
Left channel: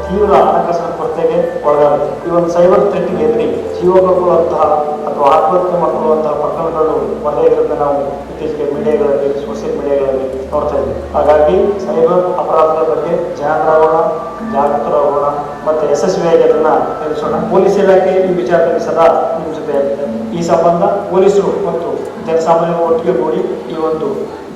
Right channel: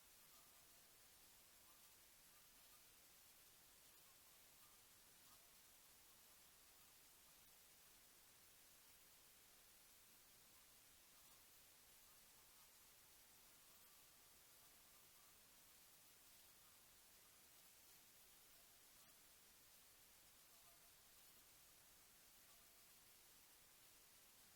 ತೀವ್ರ ಹಣಕಾಸಿನ ಕೊರತೆಗೆ ಒಳಗಾಗುತ್ತೆ. ಈ ಒಂದು ಸೈಬರ್ ಥ್ರೆಟ್ಗೆ ಎದುರಿ ಜೀವ ಕಳ್ಕೊಳ್ಳುವಂತಹ ಅಥವಾ ಆತ್ಮಹತ್ಯೆ ಮಾಡ್ಕೊಳ್ಳುವಂತಹ ಪ್ರಕರಣಗಳು ಒಂದೇ ಇರೋದನ್ನ ನಾವು ಇತ್ತೀಚೆಗೆ ಮೀಡಿಯಾಗಳಲ್ಲಿ, ಸೋಷಿಯಲ್ ಮೀಡಿಯಾಗಳಲ್ಲಿ ನೋಡ್ತಾ ಇದ್ದೀವಿ. ಹಾಗಾಗಿ ಸೈಬರ್ ಅಪರಾಧಗಳ ಬಗ್ಗೆ ಜಾಗೃತರಾಗೋಣ ಮತ್ತು ಯಶಸ್ವಿಯಾಗಿ ಅದನ್ನು ತಿಳಿಸೋಣ. ಪೊಲೀಸ್ ಇಲಾಖೆ ಈ ವಿಚಾರದಲ್ಲಿ ಸದಾ ನಿಮ್ಮ ಜೊತೆ ಇರುತ್ತೆ. ಈ ಸಂಬಂಧ ಪೊಲೀಸರು ಮತ್ತು ಜನಸಾಮಾನ್ಯರು ಒಟ್ಟಿಗೆ ಕೂಡಿ ಈ ಒಂದು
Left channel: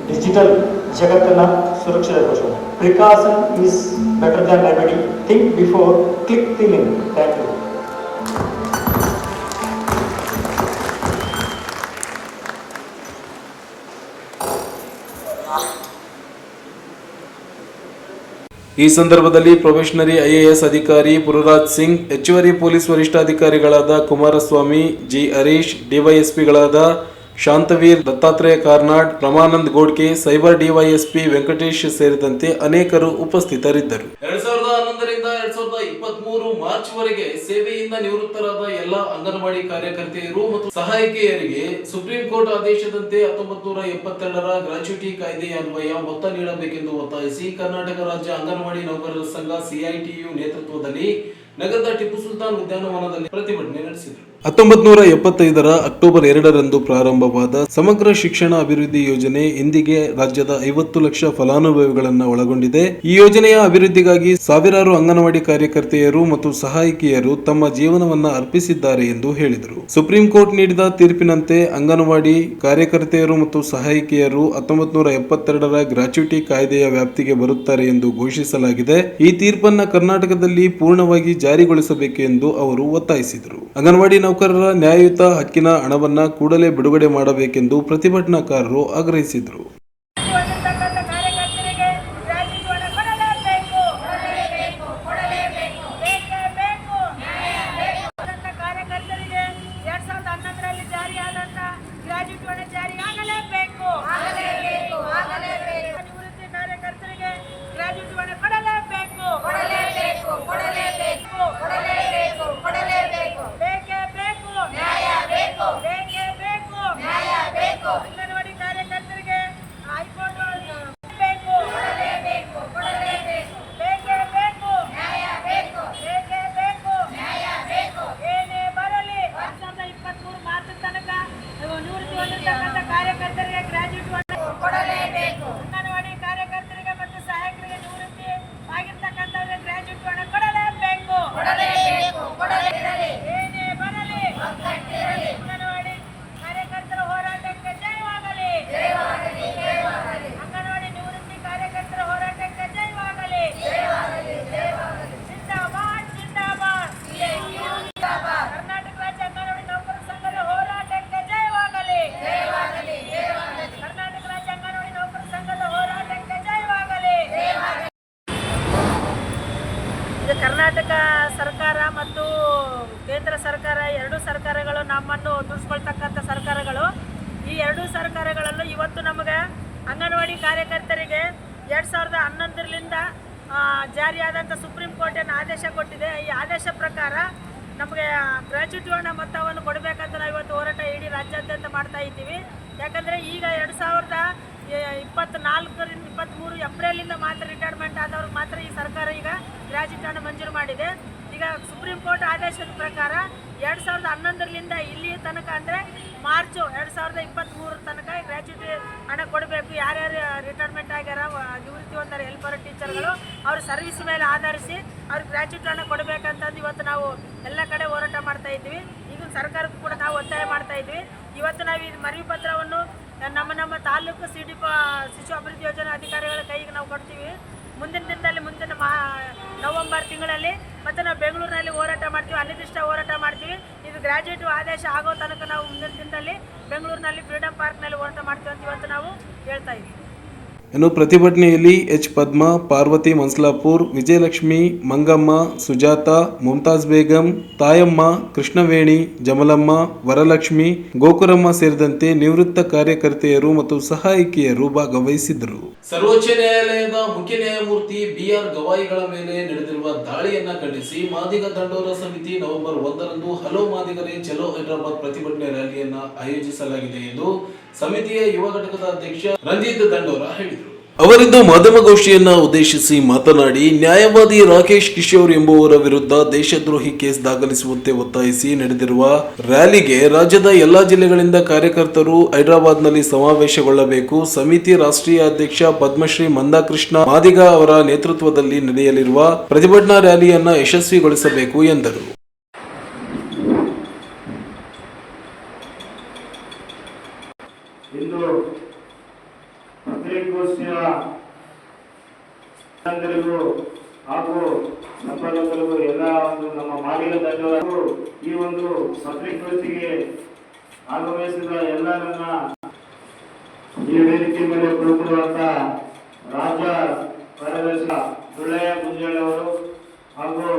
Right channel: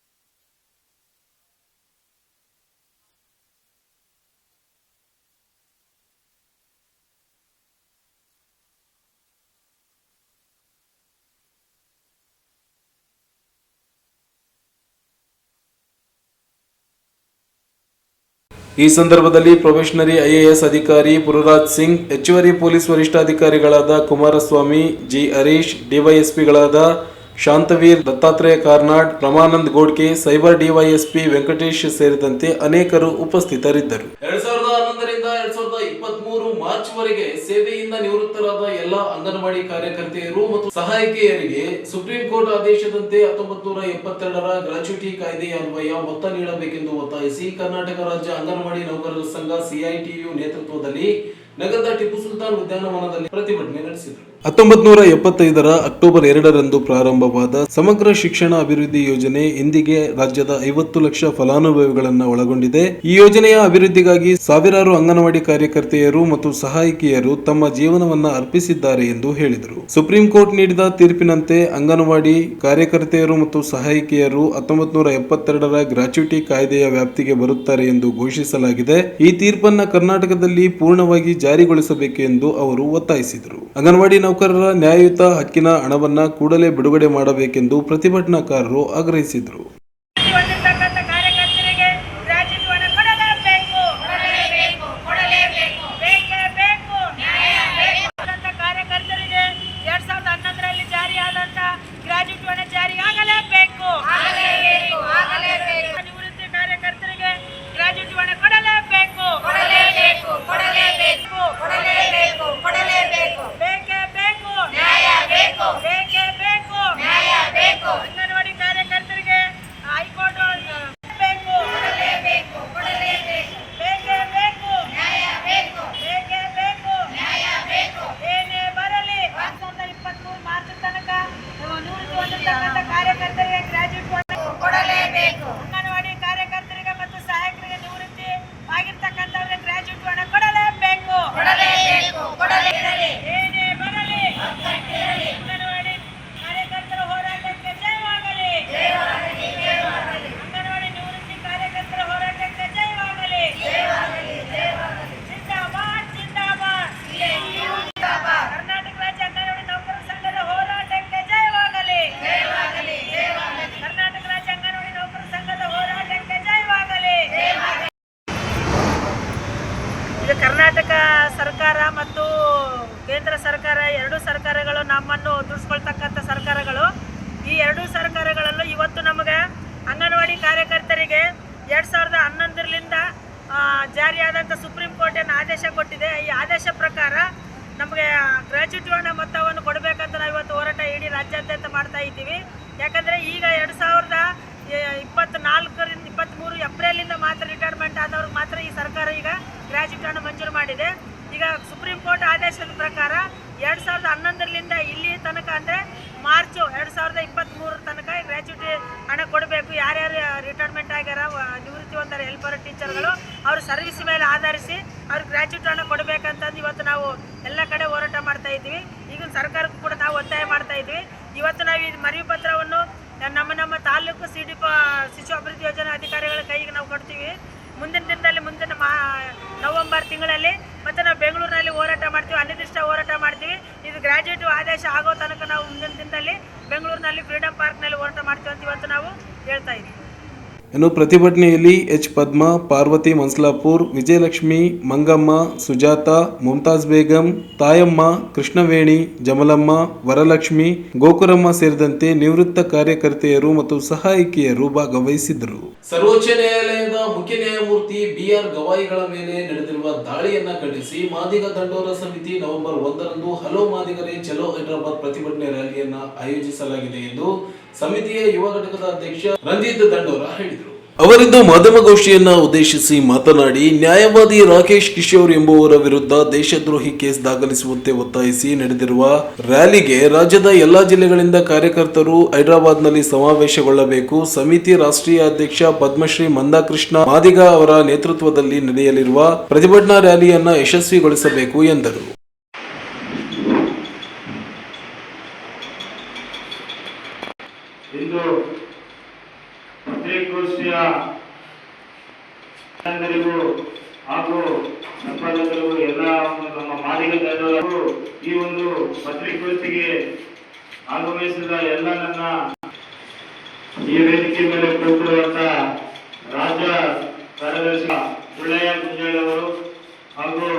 ಡಿಜಿಟಲ್ ಜಗತ್ತನ್ನು ಸುರಕ್ಷಿತಗೊಳಿಸೋಣ. Precaution is better than remedy. Think before click the link. Thank you. ಈ ಸಂದರ್ಭದಲ್ಲಿ ಪ್ರೊಬೇಷನರಿ IAS ಅಧಿಕಾರಿ ಪುರುರಾಜ್ ಸಿಂಗ್, ಹೆಚ್ಚುವರಿ ಪೊಲೀಸ್ ವರಿಷ್ಠಾಧಿಕಾರಿಗಳಾದ ಕುಮಾರಸ್ವಾಮಿ, G. ಹರೀಶ್, DYSPಗಳಾದ ಶಾಂತವೀರ್, ದತ್ತಾತ್ರೇಯ ಕಾರ್ನಾಡ್, ರಮಾನಂದ್ ಗೋಡ್ಕೆ, ಸೈಬರ್ DYSP ವೆಂಕಟೇಶ್ ಸೇರಿದಂತೆ ಅನೇಕರು ಉಪಸ್ಥಿತರಿದ್ದರು. 2011ರಿಂದ 2023 ಮಾರ್ಚ್ ವರೆಗೆ ಸೇವೆಯಿಂದ ನಿವೃತ್ತರಾದ ಎಲ್ಲ ಅಂಗನವಾಡಿ ಕಾರ್ಯಕರ್ತೆಯರು ಮತ್ತು ಸಹಾಯಕಿಯರಿಗೆ ಸುಪ್ರೀಂ ಕೋರ್ಟ್ ಆದೇಶದಂತೆ 1972ರ ಗ್ರಾಚ್ಯುಟಿ ಕಾಯ್ದೆಯ ಅನ್ವಯ ಮೊತ್ತ ನೀಡಬೇಕೆಂದು ಒತ್ತಾಯಿಸಿ ಕರ್ನಾಟಕ ರಾಜ್ಯ ಅಂಗನವಾಡಿ ನೌಕರರ ಸಂಘ CITU ನೇತೃತ್ವದಲ್ಲಿ ನಗರದ ಟಿಪ್ಪು ಸುಲ್ತಾನ್ ಉದ್ಯಾನವನದಲ್ಲಿ ಪ್ರತಿಭಟನೆ ನಡೆಸಿದರು. 1975ರ ಅಕ್ಟೋಬರ್ 2ರಂದು ಪ್ರಾರಂಭವಾದ ಸಮಗ್ರ ಶಿಕ್ಷಣ ಅಭಿವೃದ್ಧಿ ಯೋಜನೆ ಇಂದಿಗೆ ರಾಜ್ಯದ 50 ಲಕ್ಷ ಫಲಾನುಭವಿಗಳನ್ನು ಒಳಗೊಂಡಿದೆ. ಈ ಯೋಜನೆಯ ಅಭಿವೃದ್ಧಿಗಾಗಿ ಸಾವಿರಾರು ಅಂಗನವಾಡಿ ಕಾರ್ಯಕರ್ತೆಯರು ಮತ್ತು ಸಹಾಯಕಿಯರು ತಮ್ಮ ಜೀವನವನ್ನ ಅರ್ಪಿಸಿದ್ದಾರೆ ಎಂದು ಹೇಳಿದರು. ಸುಪ್ರೀಂ ಕೋರ್ಟ್ ನೀಡಿದ ತೀರ್ಪಿನಂತೆ ಅಂಗನವಾಡಿ ಕಾರ್ಯಕರ್ತೆಯರು ಮತ್ತು ಸಹಾಯಕಿಯರು 1972ರ ಗ್ರಾಚ್ಯುಟಿ ಕಾಯ್ದೆಯ ವ್ಯಾಪ್ತಿಗೆ ಬರುತ್ತಾರೆ ಎಂದು ಘೋಷಿಸಲಾಗಿದೆ. ಈ ತೀರ್ಪನ್ನ ಕರ್ನಾಟಕದಲ್ಲಿ ಪೂರ್ಣವಾಗಿ ಜಾರಿಗೊಳಿಸಬೇಕು ಎಂದು ಅವರು ಒತ್ತಾಯಿಸಿದರು. ಅಂಗನವಾಡಿ ನೌಕರರ ನ್ಯಾಯಯುತ ಹಕ್ಕಿನ ಹಣವನ್ನ ಕೂಡಲೇ ಬಿಡುಗಡೆ ಮಾಡಬೇಕೆಂದು ಪ್ರತಿಭಟನಾಕಾರರು ಆಗ್ರಹಿಸಿದರು. ಕರ್ನಾಟಕ ಸರ್ಕಾರ ಮತ್ತು ಕೇಂದ್ರ ಸರ್ಕಾರ ಎರಡೂ ಸರ್ಕಾರಗಳು ನಮ್ಮನ್ನು ದುಡಿಸ್ಕೊಳ್ತಕ್ಕಂಥ ಸರ್ಕಾರಗಳು. ಈ ಎರಡೂ ಸರ್ಕಾರಗಳಲ್ಲೂ ಇವತ್ತು ನಮಗೆ ಅಂಗನವಾಡಿ ಕಾರ್ಯಕರ್ತರಿಗೆ 2011ರಿಂದ ಜಾರಿಯಾದಂಥ ಸುಪ್ರೀಂ ಕೋರ್ಟ್ ಏನು ಆದೇಶ ಕೊಟ್ಟಿದೆ. ಈ ಆದೇಶ ಪ್ರಕಾರ ನಮಗೆ ಗ್ರ್ಯಾಚ್ಯುಟಿ ಹಣ ಮೊತ್ತವನ್ನು ಕೊಡಬೇಕಂತ ನಾವು ಇವತ್ತು ಹೋರಾಟ ಇಡೀ ರಾಜ್ಯಾದ್ಯಂತ ಮಾಡ್ತಾ ಇದ್ದೀವಿ. ಯಾಕಂದರೆ ಈಗ 2024ರಿಂದ 23 ಏಪ್ರಿಲಿಂದ ಮಾತ್ರ ರಿಟೈರ್ಮೆಂಟ್ ಆದವ್ರಿಗೆ ಮಾತ್ರ ಈ ಸರ್ಕಾರ ಈಗ ಗ್ರ್ಯಾಚ್ಯುಟಿ ಹಣ ಮಂಜೂರು ಮಾಡಿದೆ. ಈಗ ಸುಪ್ರೀಂ ಕೋರ್ಟ್ ಆದೇಶದ ಪ್ರಕಾರ 2011ರಿಂದ ಇಲ್ಲಿ ತನಕ ಅಂದರೆ ಮಾರ್ಚ್ 2023 ತನಕ ಗ್ರ್ಯಾಚ್ಯುಟಿ ಹಣ ಕೊಡಬೇಕು. ಯಾರ್ಯಾರು ರಿಟೈರ್ಮೆಂಟ್ ಆಗ್ಯಾರ, ನಿವೃತ್ತಿ ಹೊಂದಾರ ಹೆಲ್ಪರ್ ಟೀಚರ್ಗಳು, ಅವ್ರ ಸರ್ವಿಸ್ ಮೇಲೆ ಆಧರಿಸಿ ಅವ್ರಿಗೆ ಗ್ರ್ಯಾಚ್ಯುಟಿ ಹಣ ಕೊಡಬೇಕಂತಂದು ಇವತ್ತು ನಾವು ಎಲ್ಲ ಕಡೆ ಹೋರಾಟ ಮಾಡ್ತಾ ಇದ್ದೀವಿ. ಈಗಿನ ಸರ್ಕಾರಕ್ಕೂ ಕೂಡ ನಾವು ಒತ್ತಾಯ ಮಾಡ್ತಾ ಇದ್ವಿ. ಇವತ್ತು ನಾವು ಈ ಮನವಿ ಪತ್ರವನ್ನು ನಮ್ಮ ತಾಲೂಕು ಶಿಶು ಅಭಿವೃದ್ಧಿ ಯೋಜನಾ ಅಧಿಕಾರಿಗಳ ಕೈಗೆ ನಾವು ಕೊಡ್ತೀವಿ. ಮುಂದಿನ ದಿನದಲ್ಲಿ ನವೆಂಬರ್ ತಿಂಗಳಲ್ಲಿ ಮತ್ತು ನಾವು ಬೆಂಗಳೂರಿನಲ್ಲಿ ಹೋರಾಟ ಮಾಡ್ತೀವಿ, ಅನಿರ್ದಿಷ್ಟ ಹೋರಾಟ ಮಾಡ್ತೀವಿ. ಇದು ಗ್ರ್ಯಾಜುಯೇಟ್ ಆದೇಶ ಆಗೋ ತನಕ ನಾವು ಮುಂದಿನ ದಿನದಲ್ಲಿ ಬೆಂಗಳೂರಿನಲ್ಲಿ ಫ್ರೀಡಂ ಪಾರ್ಕ್ನಲ್ಲಿ ಹೋರಾಟ ಮಾಡ್ತೀವಿ ಅಂತ ಇವತ್ತು ನಾವು ಹೇಳ್ತಾ ಇದ್ದೀವಿ. ಇನ್ನು ಪ್ರತಿಭಟನೆಯಲ್ಲಿ ಎಚ್ ಪದ್ಮಾ, ಪಾರ್ವತಿ ಮನ್ಸಲಾಪುರ್, ವಿಜಯಲಕ್ಷ್ಮಿ, ಮಂಗಮ್ಮ, ಸುಜಾತ, ಮುಮ್ತಾಜ್ ಬೇಗಂ, ತಾಯಮ್ಮ, ಕೃಷ್ಣವೇಣಿ, ಜಮಲಮ್ಮ, ವರಲಕ್ಷ್ಮಿ, ಗೋಕುರಮ್ಮ ಸೇರಿದಂತೆ ನಿವೃತ್ತ ಕಾರ್ಯಕರ್ತೆಯರು ಮತ್ತು ಸಹಾಯಕಿಯರು ಭಾಗವಹಿಸಿದ್ದರು. ಸರ್ವೋಚ್ಚ ನ್ಯಾಯಾಲಯದ ಮುಖ್ಯ ನ್ಯಾಯಮೂರ್ತಿ BR ಗವಾಯಿಗಳ ಮೇಲೆ ನಡೆದಿರುವ ದಾಳಿಯನ್ನ ಖಂಡಿಸಿ ಮಾದಿಗ ದಂಡೋರ ಸಮಿತಿ ನವೆಂಬರ್ 1ರಂದು ಹಲೋ ಮಾದಿಗರೇ ಚಲೋ ಹೈದರಾಬಾದ್ ಪ್ರತಿಭಟನೆ ರ್ಯಾಲಿಯನ್ನ ಆಯೋಜಿಸಲಾಗಿದೆ ಎಂದು ಸಮಿತಿಯ ಯುವ ಘಟಕದ ಅಧ್ಯಕ್ಷ ರಂಜಿತ್ ದಂಡೋರ ಹೇಳಿದರು. ಅವರಿಂದು ಮಾಧ್ಯಮಗೋಷ್ಠಿಯನ್ನ ಉದ್ದೇಶಿಸಿ ಮಾತನಾಡಿ, ನ್ಯಾಯವಾದಿ ರಾಕೇಶ್ ಕಿಶೋರ್ ಎಂಬುವರ ವಿರುದ್ಧ ದೇಶದ್ರೋಹಿ ಕೇಸ್ ದಾಖಲಿಸುವಂತೆ ಒತ್ತಾಯಿಸಿ ನಡೆದಿರುವ ರ್ಯಾಲಿಗೆ ರಾಜ್ಯದ ಎಲ್ಲಾ ಜಿಲ್ಲೆಗಳಿಂದ ಕಾರ್ಯಕರ್ತರು ಹೈದರಾಬಾದ್ನಲ್ಲಿ ಸಮಾವೇಶಗೊಳ್ಳಬೇಕು. ಸಮಿತಿ ರಾಷ್ಟ್ರೀಯ ಅಧ್ಯಕ್ಷ ಪದ್ಮಶ್ರೀ ಮಂದಾಕೃಷ್ಣ ಮಾದಿಗ ಅವರ ನೇತೃತ್ವದಲ್ಲಿ ನಡೆಯಲಿರುವ ಪ್ರತಿಭಟನಾ ರ್ಯಾಲಿಯನ್ನ ಯಶಸ್ವಿಗೊಳಿಸಬೇಕು ಎಂದರು. ಇಂದು ಪತ್ರಿಕಾಗೋಷ್ಠಿಯ ಹಾಗೂ ಸಂಪಾದಕರಿಗೂ ಎಲ್ಲ ನಮ್ಮ ಮಾದಿಗ ದಂಡೋರರು ಈ ಒಂದು ಪತ್ರಿಕಾಗೋಷ್ಠಿಗೆ ಆಗಮಿಸಿದ ಎಲ್ಲ ನನ್ನ ಈ ವೇದಿಕೆ ಮೇಲೆ ಕುಳಿತಿರುವಂತ ರಾಜ್ಯ ಕಾರ್ಯದರ್ಶಿ ದುಳ್ಳಯ್ಯ ಗುಂಜಾಳಿ ಅವರು ಹಾಗೂ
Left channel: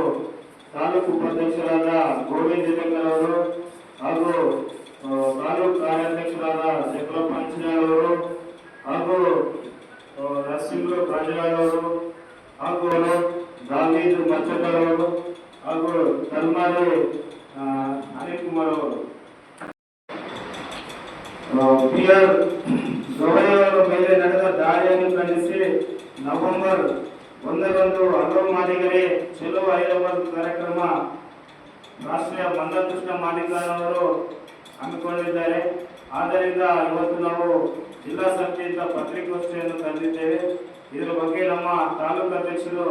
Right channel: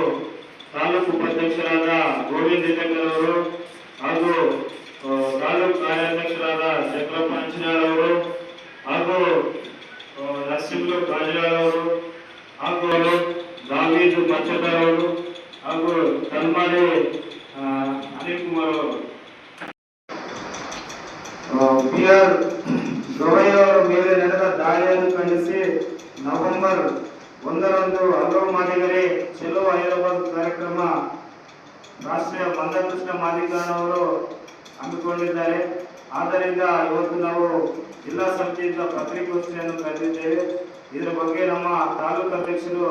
ತಾಲೂಕು ಉಪಾಧ್ಯಕ್ಷರಾದ ಗೋವಿಂದ ಅವರು ಹಾಗೂ ತಾಲೂಕು ಕಾರ್ಯಾಧ್ಯಕ್ಷರಾದ ಚಕ್ರಪ್ಪ ಅಂಚಿನಾಳ್ ಅವರು ಹಾಗೂ ನರಸಿಂಹ ರಾಜಾಳ್ ಅವರು ಹಾಗೂ ದಾವೀದ್ ಮಚ್ಚದಾರ್ ಅವರು ಹಾಗೂ ಕಲ್ಮಾರಿ ಅನಿಲ್ ಕುಮಾರ್ ಅವರು BR ಗವಾಯಿ ಅವರ ಮೇಲೆ ನಡೆದ ದಾಳಿಯನ್ನು ಖಂಡಿಸಿ ನವೆಂಬರ್ 1ರಂದು ಹಲೋ ಮಾದಿಗರೇ ಚಲೋ ಹೈದರಾಬಾದ್ ಕಾರ್ಯಕ್ರಮ ರಾಷ್ಟ್ರೀಯ ಮಂದಾಕೃಷ್ಣ ಮಾದಿಗಣ್ಣವರು ಹಮ್ಮಿಕೊಂಡಿದ್ದಾರೆ. ಆದ್ದರಿಂದ ಇವತ್ತು ನಾವು ಜಿಲ್ಲಾ ಸಮಿತಿಯಿಂದ ಪತ್ರಿಕಾಗೋಷ್ಠಿಯನ್ನು ಕರೆದಿದ್ದೇವೆ. ಇದರ ಬಗ್ಗೆ ನಮ್ಮ ತಾಲೂಕು ಅಧ್ಯಕ್ಷರು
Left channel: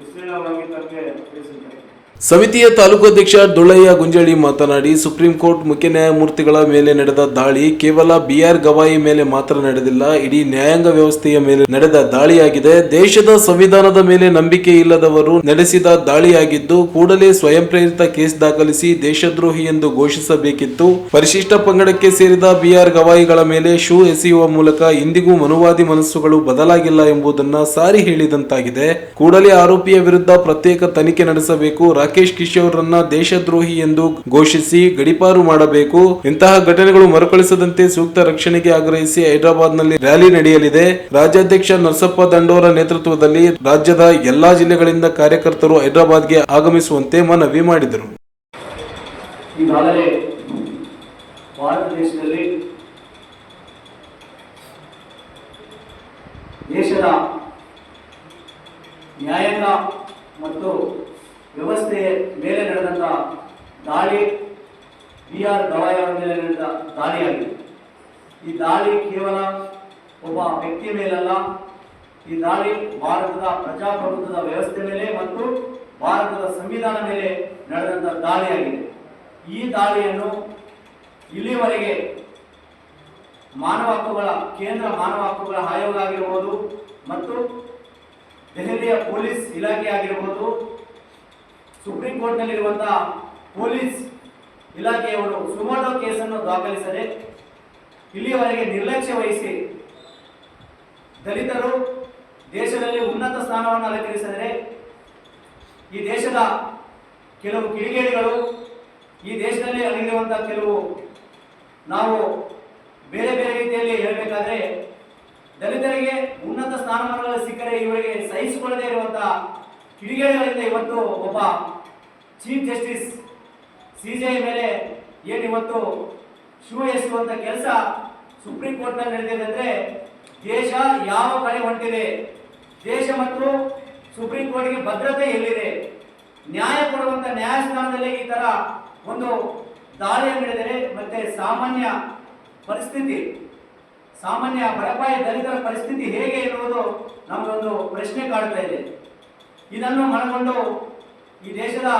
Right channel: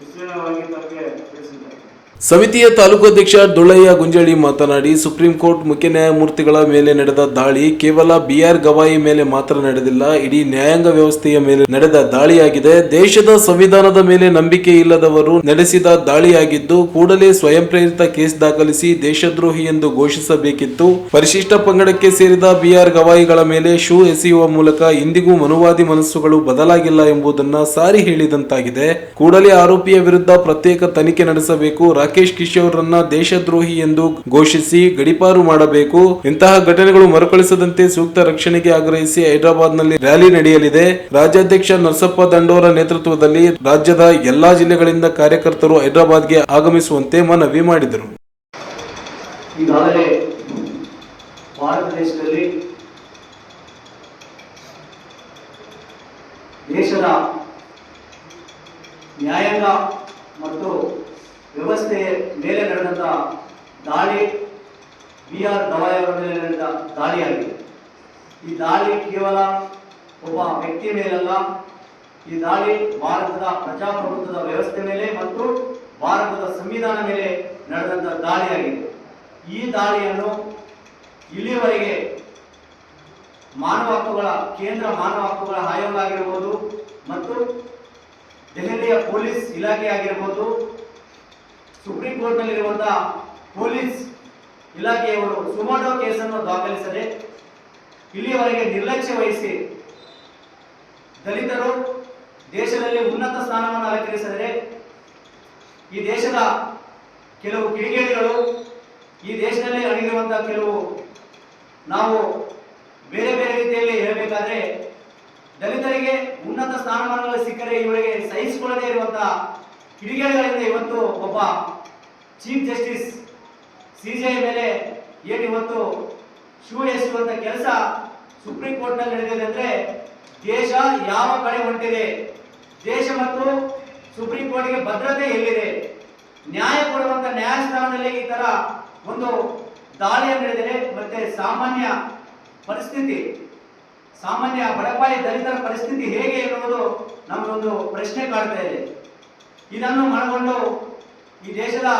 ವಿಸ್ತೀರ್ಣವಾಗಿ ತಮಗೆ ತಿಳಿಸಿದ್ದಾರೆ. ಸಮಿತಿಯ ತಾಲೂಕು ಅಧ್ಯಕ್ಷ ದುಳ್ಳಯ್ಯ ಗುಂಜಾಳಿ ಮಾತನಾಡಿ, ಸುಪ್ರೀಂ ಕೋರ್ಟ್ ಮುಖ್ಯ ನ್ಯಾಯಮೂರ್ತಿಗಳ ಮೇಲೆ ನಡೆದ ದಾಳಿ ಕೇವಲ BR ಗವಾಯಿ ಮೇಲೆ ಮಾತ್ರ ನಡೆದಿಲ್ಲ, ಇಡೀ ನ್ಯಾಯಾಂಗ ವ್ಯವಸ್ಥೆಯ ಮೇಲೆ ನಡೆದ ದಾಳಿಯಾಗಿದೆ. ದೇಶದ ಸಂವಿಧಾನದ ಮೇಲೆ ನಂಬಿಕೆ ಇಲ್ಲದವರು ನಡೆಸಿದ ದಾಳಿಯಾಗಿದ್ದು, ಕೂಡಲೇ ಸ್ವಯಂ ಪ್ರೇರಿತ ಕೇಸ್ ದಾಖಲಿಸಿ ದೇಶದ್ರೋಹಿ ಎಂದು ಘೋಷಿಸಬೇಕಿತ್ತು. ಪರಿಶಿಷ್ಟ ಪಂಗಡಕ್ಕೆ ಸೇರಿದ BR ಗವಾಯಿಗಳ ಮೇಲೆ ಶೂ ಎಸೆಯುವ ಮೂಲಕ ಇಂದಿಗೂ ಮನುವಾದಿ ಮನಸ್ಸುಗಳು ಬದಲಾಗಿಲ್ಲ ಎಂಬುದನ್ನು ಸಾರಿ ಹೇಳಿದಂತಾಗಿದೆ. ಕೂಡಲೇ ಆರೋಪಿಯ ವಿರುದ್ಧ ಪ್ರತ್ಯೇಕ ತನಿಖೆ ನಡೆಸಬೇಕು. ರಾಕೇಶ್ ಕಿಶೋರ್ ರನ್ನ ದೇಶದ್ರೋಹಿ ಎಂದು ಘೋಷಿಸಿ ಗಡೀಪಾರು ಮಾಡಬೇಕು. ಇಂತಹ ಘಟನೆಗಳು ಮರುಕಳಿಸದಂತೆ ಸೂಕ್ತ ರಕ್ಷಣೆಗೆ ಆಗ್ರಹಿಸಿ ಹೈದರಾಬಾದ್ನಲ್ಲಿ ರ್ಯಾಲಿ ನಡೆಯಲಿದೆ. ರಾಜ್ಯಾಧ್ಯಕ್ಷ ನರಸಪ್ಪ ದಂಡೋರ ನೇತೃತ್ವದಲ್ಲಿ ರಾಜ್ಯದ ಎಲ್ಲಾ ಜಿಲ್ಲೆಗಳಿಂದ ಕಾರ್ಯಕರ್ತರು ಹೈದರಾಬಾದ್ಗೆ ಆಗಮಿಸುವಂತೆ ಮನವಿ ಮಾಡಿದರು. ಈಗಾಗಲೇ ಭಾರತ ದೇಶದಲ್ಲಿ ದೇಶದ ನ್ಯಾಯಾಂಗ ಮತ್ತು ವ್ಯವಸ್ಥೆಯ ಮೇಲೆ ನಡೆದಂಥ ದಾಳಿ BR ಗವಾಯಿ ಅವರ ಮೇಲೆ ನಡೆದ ದಾಳಿಯಾಗಿದೆ. ಈ ದಾಳಿ ಕೇವಲ ಒಬ್ಬ ವ್ಯಕ್ತಿ ಮೇಲಲ್ಲ, ಈ ದಾಳಿ ಭಾರತದ ಪ್ರಜಾಪ್ರಭುತ್ವದ ವ್ಯವಸ್ಥೆ ಮೇಲೆ ಮತ್ತು ಭಾರತದ ಸಂವಿಧಾನ ಮೇಲೆ ನಡೆದಂಥ ದಾಳಿಯಾಗಿದೆ. ಈ ದಾಳಿಯನ್ನು ಇಲ್ಲಿವರೆಗೆ ಕೇಂದ್ರ ಮಾನವ ಹಕ್ಕುಗಳ ಆಯೋಗ ಆಗಿರಬಹುದು ಮತ್ತು ದೆಹಲಿಯ ಪೊಲೀಸ್ ಇಲಾಖೆ ಆಗಿರಬಹುದು, ಸುಪ್ರೀಂ ಕೋರ್ಟ್ನಲ್ಲಿರುವಂತಹ ಪೊಲೀಸ್ ಇಲಾಖೆಯವರು ಸುಮೋಟೋ ಕೇಸನ್ನು ದಾಖಲಿಸದೆ ಇಲ್ಲಿಯವರೆಗೆ ನಿರ್ಲಕ್ಷ್ಯ ವಹಿಸಿ ದಲಿತರು ದೇಶದಲ್ಲಿ ಉನ್ನತ ಸ್ಥಾನವನ್ನು ಅಲಂಕರಿಸಿದರೆ ಈ ದೇಶದ ಕೆಲವು ಕಿಡಿಗೇಡಿಗಳು, ಈ ದೇಶದಲ್ಲಿ ಅಡಗಿರುವಂತಹ ಕೆಲವು ನಾವು ಬೇರೆ ಬೇರೆ ರೀತಿಯಲ್ಲಿ ಹೇಳಬೇಕಾದ್ರೆ ದಲಿತರಿಗೆ ಉನ್ನತ ಸ್ಥಾನಮಾನಗಳು ಸಿಕ್ಕರೆ ಇವರಿಗೆ ಸಹಿಸಿಕೊಳ್ಳದೇ ಇರುವಂತಹ ಕಿಡಿಗೇಡಿಗಳಿಂದ ಇವತ್ತು ಒಬ್ಬ ಚೀಫ್ ಜಸ್ಟಿಸ್ CJI ಮೇಲೆ ಏನು ಇವತ್ತು ಶೂ ಎಸುವಂತ ಕೆಲಸ ಸುಪ್ರೀಂ ಕೋರ್ಟ್ ನಲ್ಲಿ ನಡೆದಿದೆ ಅಂದ್ರೆ ದೇಶ ಯಾವ ಕಡೆ ಹೊಂಟಿದೆ, ದೇಶ ಮತ್ತು ಸುಪ್ರೀಂ ಕೋರ್ಟ್ಗೆ ಭದ್ರತೆ ಎಲ್ಲಿದೆ, ನ್ಯಾಯ ಕೊಡುವಂತ ನ್ಯಾಯಸ್ಥಾನದಲ್ಲಿ ಈ ತರ ಒಂದು ದಾಳಿಯನ್ನು ನಡೆದರೆ ಮತ್ತೆ ಸಾಮಾನ್ಯ ಪರಿಸ್ಥಿತಿ, ಸಾಮಾನ್ಯ ಬಡಪಾಯಿ ದಲಿತರ ಪರಿಸ್ಥಿತಿ ಹೇಗೆ ಎನ್ನುವುದು ನಮಗೊಂದು ಪ್ರಶ್ನೆ ಕಾಡ್ತಾ ಇದೆ. ಇದನ್ನು ಮನಗೊಂಡು ಈ ದೇಶದ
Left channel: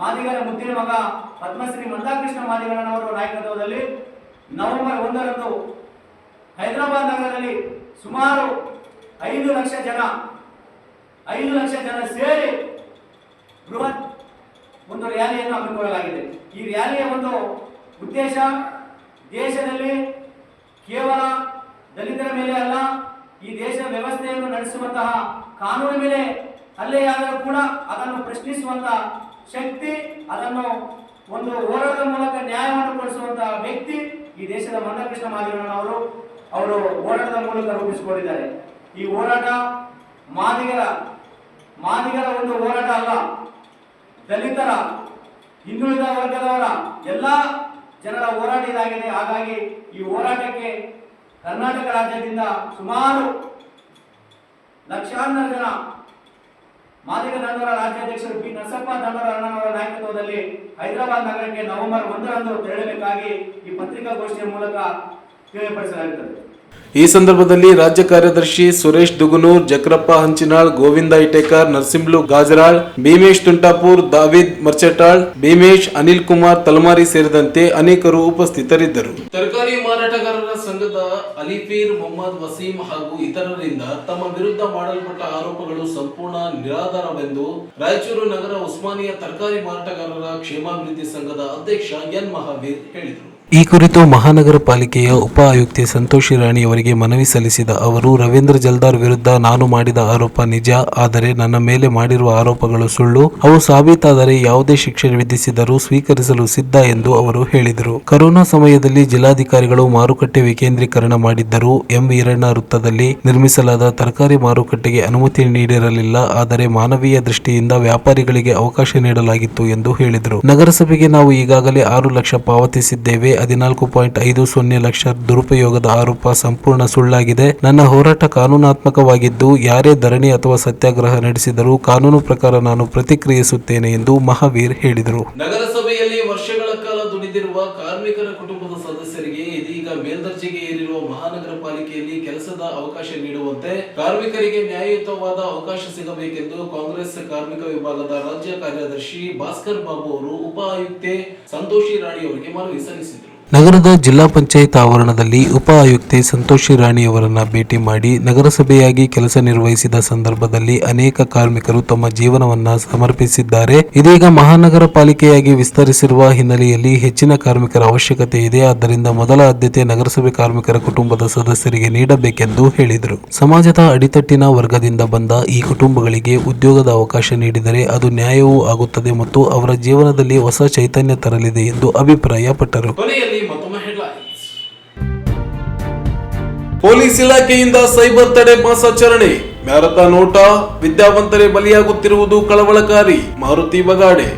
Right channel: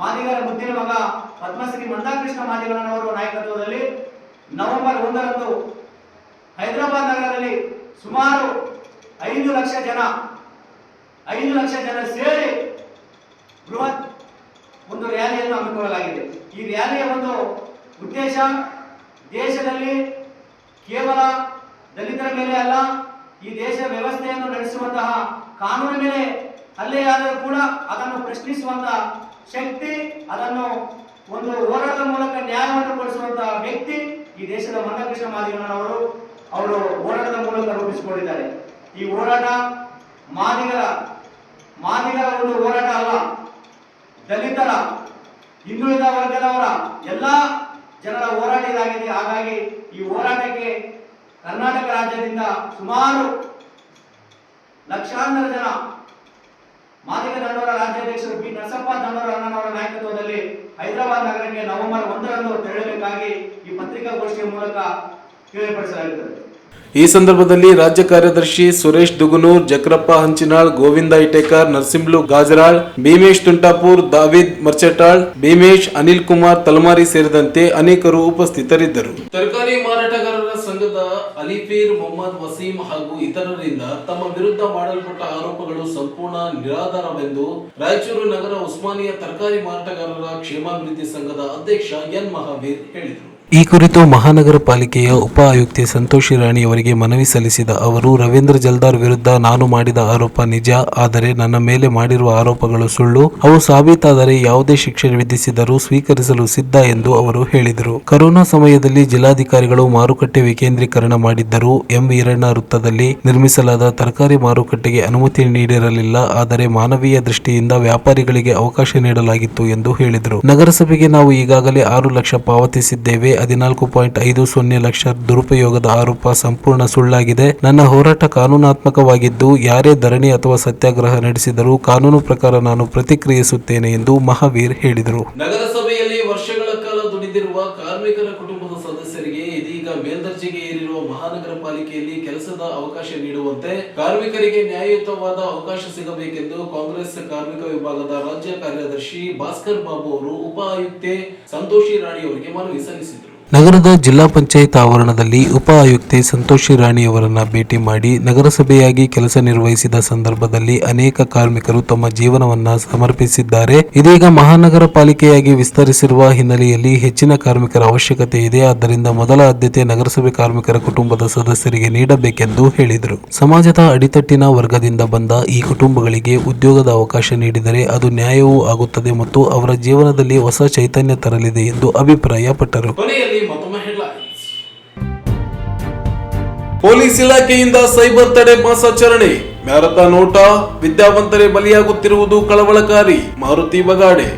ಮಾದಿಗರ ಮುದ್ದಿನ ಮಗ ಪದ್ಮಶ್ರೀ ಮಂದಾಕೃಷ್ಣ ಮಾದಿಗರನವರ ನಾಯಕತ್ವದಲ್ಲಿ ನವೆಂಬರ್ 1ರಂದು ಹೈದರಾಬಾದ್ ನಗರದಲ್ಲಿ ಸುಮಾರು 5 ಲಕ್ಷ ಜನ ಸೇರಿ ಬೃಹತ್ ಒಂದು ರ್ಯಾಲಿಯನ್ನು ಹಮ್ಮಿಕೊಳ್ಳಲಾಗಿದೆ. ಈ ರ್ಯಾಲಿಯ ಒಂದು ಉದ್ದೇಶ ದೇಶದಲ್ಲಿ ಕೇವಲ ದಲಿತರ ಮೇಲೆ ಅಲ್ಲ, ಈ ದೇಶ ವ್ಯವಸ್ಥೆಯನ್ನು ನಡೆಸುವಂತಹ ಕಾನೂನು ಮೇಲೆ ಹಲ್ಲೆಯಾದರೂ ಕೂಡ ಅದನ್ನು ಪ್ರಶ್ನಿಸುವಂತಹ ಶಕ್ತಿ, ಅದನ್ನು ಒಂದು ಹೋರಾಟದ ಮೂಲಕ ನ್ಯಾಯವನ್ನು ಕೊಡಿಸುವಂತಹ ವ್ಯಕ್ತಿ ಈ ದೇಶದ ಮಂದಕೃಷ್ಣ ಮಾದಿಗರವರು ಹೋರಾಟದ ಮೂಲಕ ರೂಪಿಸಿಕೊಂಡಿದ್ದಾರೆ. ಈ ಹೋರಾಟ ಮಾದಿಗರ ಒಂದು ಹೋರಾಟ ಅಲ್ಲ, ದಲಿತರ, ಹಿಂದುಳಿದ ವರ್ಗದವರ ಎಲ್ಲ ಜನರ ಹೋರಾಟ ಇದಾಗಿದೆ. ಹಾಗಾಗಿ ಈ ಹೋರಾಟಕ್ಕೆ ಕರ್ನಾಟಕ ರಾಜ್ಯದಿಂದ ಸುಮಾರು ಲಕ್ಷಾಂತರ ಜನ ಮಾದಿಗ ದಂಡೋರ ರಾಜ್ಯಾಧ್ಯಕ್ಷರು ಬಿ ನರಸಪ್ಪ ದಂಡೋರ ಅಣ್ಣನವರ ನಾಯಕತ್ವದಲ್ಲಿ ಹೈದರಾಬಾದ್ ನಗರಕ್ಕೆ ನವೆಂಬರ್ 1ರಂದು ತೆರಳಬೇಕಾಗಿ ಈ ಪತ್ರಿಕಾಗೋಷ್ಠಿಯ ಮೂಲಕ ತಿಳಿಯಪಡಿಸಲಾಗುತ್ತದೆ. ಈ ಸಂದರ್ಭದಲ್ಲಿ ರಾಜ್ಯ ಕಾರ್ಯದರ್ಶಿ ಸುರೇಶ್ ದುಗುನೂರ್, ಜಕ್ರಪ್ಪ ಹಂಚಿನಾಳ್, ಗೋವಿಂದ ಇಟೇಕರ್, ನರಸಿಂಹಲು ಗಾಜರಾಳ್, ಭೀಮೇಶ್ ತುಂಟಾಪುರ್, ದಾವಿದ್ ಮರ್ಚಟಾಳ್, ಭೀಮೇಶ್, ಅನಿಲ್ ಕುಮಾರ್ ತಲಮಾರಿ ಸೇರಿದಂತೆ ಅನೇಕರು ಉಪಸ್ಥಿತರಿದ್ದರು. ತರಕಾರಿ ಮಾರಾಟಗಾರರ ಸಂಘದ ಅಲಿಫೀರ್, ಮೊಹಮ್ಮದ್ ವಸೀಂ ಹಾಗೂ ಇತರರಿಂದ ತಮ್ಮ ವಿರುದ್ಧ ಮಾಡಲ್ಪಟ್ಟ ಆರೋಪಗಳು ಸಂಪೂರ್ಣ ನಿರಾಧಾರವೆಂದು ರಾಯಚೂರು ನಗರ ಉಸ್ಮಾನಿಯಾ ತರಕಾರಿ ಮಾರಾಟಗಾರರ ಕ್ಷೇಮಾಭಿವೃದ್ಧಿ ಸಂಘದ ಅಧ್ಯಕ್ಷ ಎನ್ ಮಹಾವೀರ್ ಹೇಳಿದರು. ಈ ಕುರಿತು ಮಹಾನಗರ ಪಾಲಿಕೆಯ ಉಪ ಆಯುಕ್ತೆ ಸಂತೋಷಿ ರಾಣಿಯವರಿಗೆ ಮನವಿ ಸಲ್ಲಿಸಿದ ಅವರು, ರವೀಂದ್ರ ಜಲ್ದಾರ್ ವಿರುದ್ಧ ನಾನು ಮಾಡಿದ ಆರೋಪ ನಿಜ, ಆದರೆ ನನ್ನ ಮೇಲೆ ಮಾಡಿರುವ ಆರೋಪಗಳು ಸುಳ್ಳು. ಅವು ಸಾಬೀತಾದರೆ ಯಾವುದೇ ಶಿಕ್ಷೆ ವಿಧಿಸಿದರೂ ಸ್ವೀಕರಿಸಲು ಸಿದ್ಧ ಎಂದು ಅವರು ಹೇಳಿದರು. ಕೊರೋನಾ ಸಮಯದಲ್ಲಿ ಜಿಲ್ಲಾಧಿಕಾರಿಗಳು ಮಾರುಕಟ್ಟೆ ವಿಕೇಂದ್ರೀಕರಣ ಮಾಡಿದ್ದರೂ ಎಂ ವೀರಣ್ಣ ವೃತ್ತದಲ್ಲಿ ನಿರ್ಮಿಸಲಾದ ತರಕಾರಿ ಮಾರುಕಟ್ಟೆಗೆ ಅನುಮತಿ ನೀಡಿರಲಿಲ್ಲ. ಆದರೆ ಮಾನವೀಯ ದೃಷ್ಟಿಯಿಂದ ವ್ಯಾಪಾರಿಗಳಿಗೆ ಅವಕಾಶ ನೀಡಲಾಗಿತ್ತು ಎಂದು ಹೇಳಿದರು. ನಗರಸಭೆಗೆ ನಾವು ಈಗಾಗಲೇ 6 ಲಕ್ಷ ಪಾವತಿಸಿದ್ದೇವೆ. 14.50 ಲಕ್ಷ ದುರುಪಯೋಗದ ಆರೋಪ ಸಂಪೂರ್ಣ ಸುಳ್ಳಾಗಿದೆ. ನನ್ನ ಹೋರಾಟ ಕಾನೂನಾತ್ಮಕವಾಗಿದ್ದು ಯಾರೇ ಧರಣಿ ಅಥವಾ ಸತ್ಯಾಗ್ರಹ ನಡೆಸಿದರೂ ಕಾನೂನು ಪ್ರಕಾರ ನಾನು ಪ್ರತಿಕ್ರಿಯಿಸುತ್ತೇನೆ ಎಂದು ಮಹಾವೀರ್ ಹೇಳಿದರು. ನಗರಸಭೆಯಲ್ಲಿ ವರ್ಷಗಳ ಕಾಲ ದುಡಿದಿರುವ ಕಾರ್ಮಿಕರ ಕುಟುಂಬದ ಸದಸ್ಯರಿಗೆ ಇದೀಗ ಮೇಲ್ದರ್ಜೆಗೆ ಏರಿರುವ ಮಹಾನಗರ ಪಾಲಿಕೆಯಲ್ಲಿ ಕೆಲಸದ ಅವಕಾಶ ನೀಡುವಂತೆ ಕಾರ್ಮಿಕರಿಗೆ ನ್ಯಾಯಯುತವಾದ ಅವಕಾಶ ಸಿಗಬೇಕೆಂದು ಕಾಂಗ್ರೆಸ್ ಕಾರ್ಮಿಕ ವಿಭಾಗದ ರಾಜ್ಯ ಕಾರ್ಯದರ್ಶಿ ಭಾಸ್ಕರ್ ಬಾಬು ಅವರು ಉಪ ಆಯುಕ್ತೆ ಸಂತೋಷಿ ರಾಣಿ ಅವರಿಗೆ ಮನವಿ ಸಲ್ಲಿಸಿದರು. ನಗರದ ಜಿಲ್ಲಾ ಪಂಚಾಯತ್ ಆವರಣದಲ್ಲಿ ಉಪ ಆಯುಕ್ತೆ ಸಂತೋಷಿ ರಾಣಿಯವರನ್ನ ಭೇಟಿ ಮಾಡಿ ನಗರಸಭೆಯಾಗಿ ಕೆಲಸ ನಿರ್ವಹಿಸಿದ ಸಂದರ್ಭದಲ್ಲಿ ಅನೇಕ ಕಾರ್ಮಿಕರು ತಮ್ಮ ಜೀವನವನ್ನ ಸಮರ್ಪಿಸಿದ್ದಾರೆ. ಇದೀಗ ಮಹಾನಗರ ಪಾಲಿಕೆಯಾಗಿ ವಿಸ್ತರಿಸಿರುವ ಹಿನ್ನೆಲೆಯಲ್ಲಿ ಹೆಚ್ಚಿನ ಕಾರ್ಮಿಕರ ಅವಶ್ಯಕತೆ ಇದೆ. ಆದ್ದರಿಂದ ಮೊದಲ ಆದ್ಯತೆ ನಗರಸಭೆ ಕಾರ್ಮಿಕರ ಕುಟುಂಬದ ಸದಸ್ಯರಿಗೆ ನೀಡಬೇಕೆಂದು ಹೇಳಿದರು. ಸಮಾಜದ ಅಡಿತಟ್ಟಿನ ವರ್ಗದಿಂದ ಬಂದ ಈ ಕುಟುಂಬಗಳಿಗೆ ಉದ್ಯೋಗದ ಅವಕಾಶ ನೀಡಿದರೆ ಅದು ನ್ಯಾಯವೂ ಆಗುತ್ತದೆ ಮತ್ತು ಅವರ ಜೀವನದಲ್ಲಿ ಹೊಸ ಚೈತನ್ಯ ತರಲಿದೆ ಎಂದು ಅಭಿಪ್ರಾಯಪಟ್ಟರು. ಪೊಲೀಸ್ ಇಲಾಖೆಯಿಂದ ಸೈಬರ್ ತಡೆ ಮಾಸಾಚರಣೆ, ಮ್ಯಾರಥಾನ್ ಓಟ, ವಿದ್ಯಾವಂತರೇ ಬಲಿಯಾಗುತ್ತಿರುವುದು ಕಳವಳಕಾರಿ. ಮಾರುತಿ ಬಗಾಡೆ.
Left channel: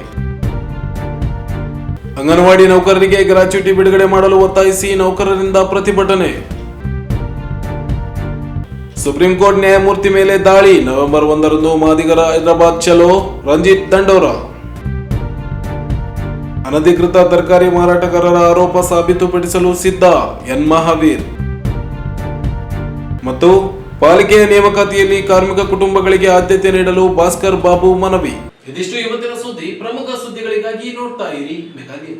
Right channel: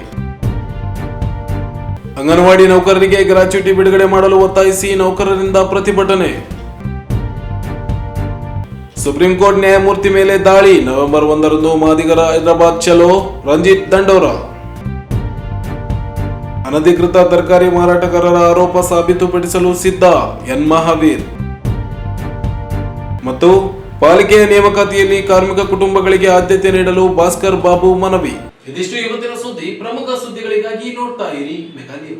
ಅಂಗನವಾಡಿ ನೌಕರರಿಗೆ ಗ್ರಾಚ್ಯುಟಿ ಬಿಡುಗಡೆ ಮಾಡಲು ಒತ್ತಾಯಿಸಿ ನೌಕರರಿಂದ ಪ್ರತಿಭಟನೆ. ಸುಪ್ರೀಂ ಕೋರ್ಟ್ ನ್ಯಾಯಮೂರ್ತಿ ಮೇಲೆ ದಾಳಿ, ನವೆಂಬರ್ 1ರಂದು ಮಾದಿಗರ ಹೈದರಾಬಾದ್ ಚಲೋ, ರಂಜಿತ್ ದಂಡೋರ. ಅನಧಿಕೃತ ತರಕಾರಿ ಮಾರಾಟಗಾರರ ಆರೋಪ ಸಾಬೀತುಪಡಿಸಲು ಸಿದ್ಧ, ಎನ್ ಮಹಾವೀರ್. ಮತ್ತು ಪಾಲಿಕೆಯ ನೇಮಕಾತಿಯಲ್ಲಿ ಕಾರ್ಮಿಕ ಕುಟುಂಬಗಳಿಗೆ ಆದ್ಯತೆ ನೀಡಲು ಭಾಸ್ಕರ್ ಬಾಬು ಮನವಿ. ಇದಿಷ್ಟು ಇವತ್ತಿನ ಸುದ್ದಿ. ಪ್ರಮುಖ ಸುದ್ದಿಗಳಿಗಾಗಿ ನೋಡ್ತಾ ಇರಿ ಮೆಗಾ ನ್ಯೂಸ್.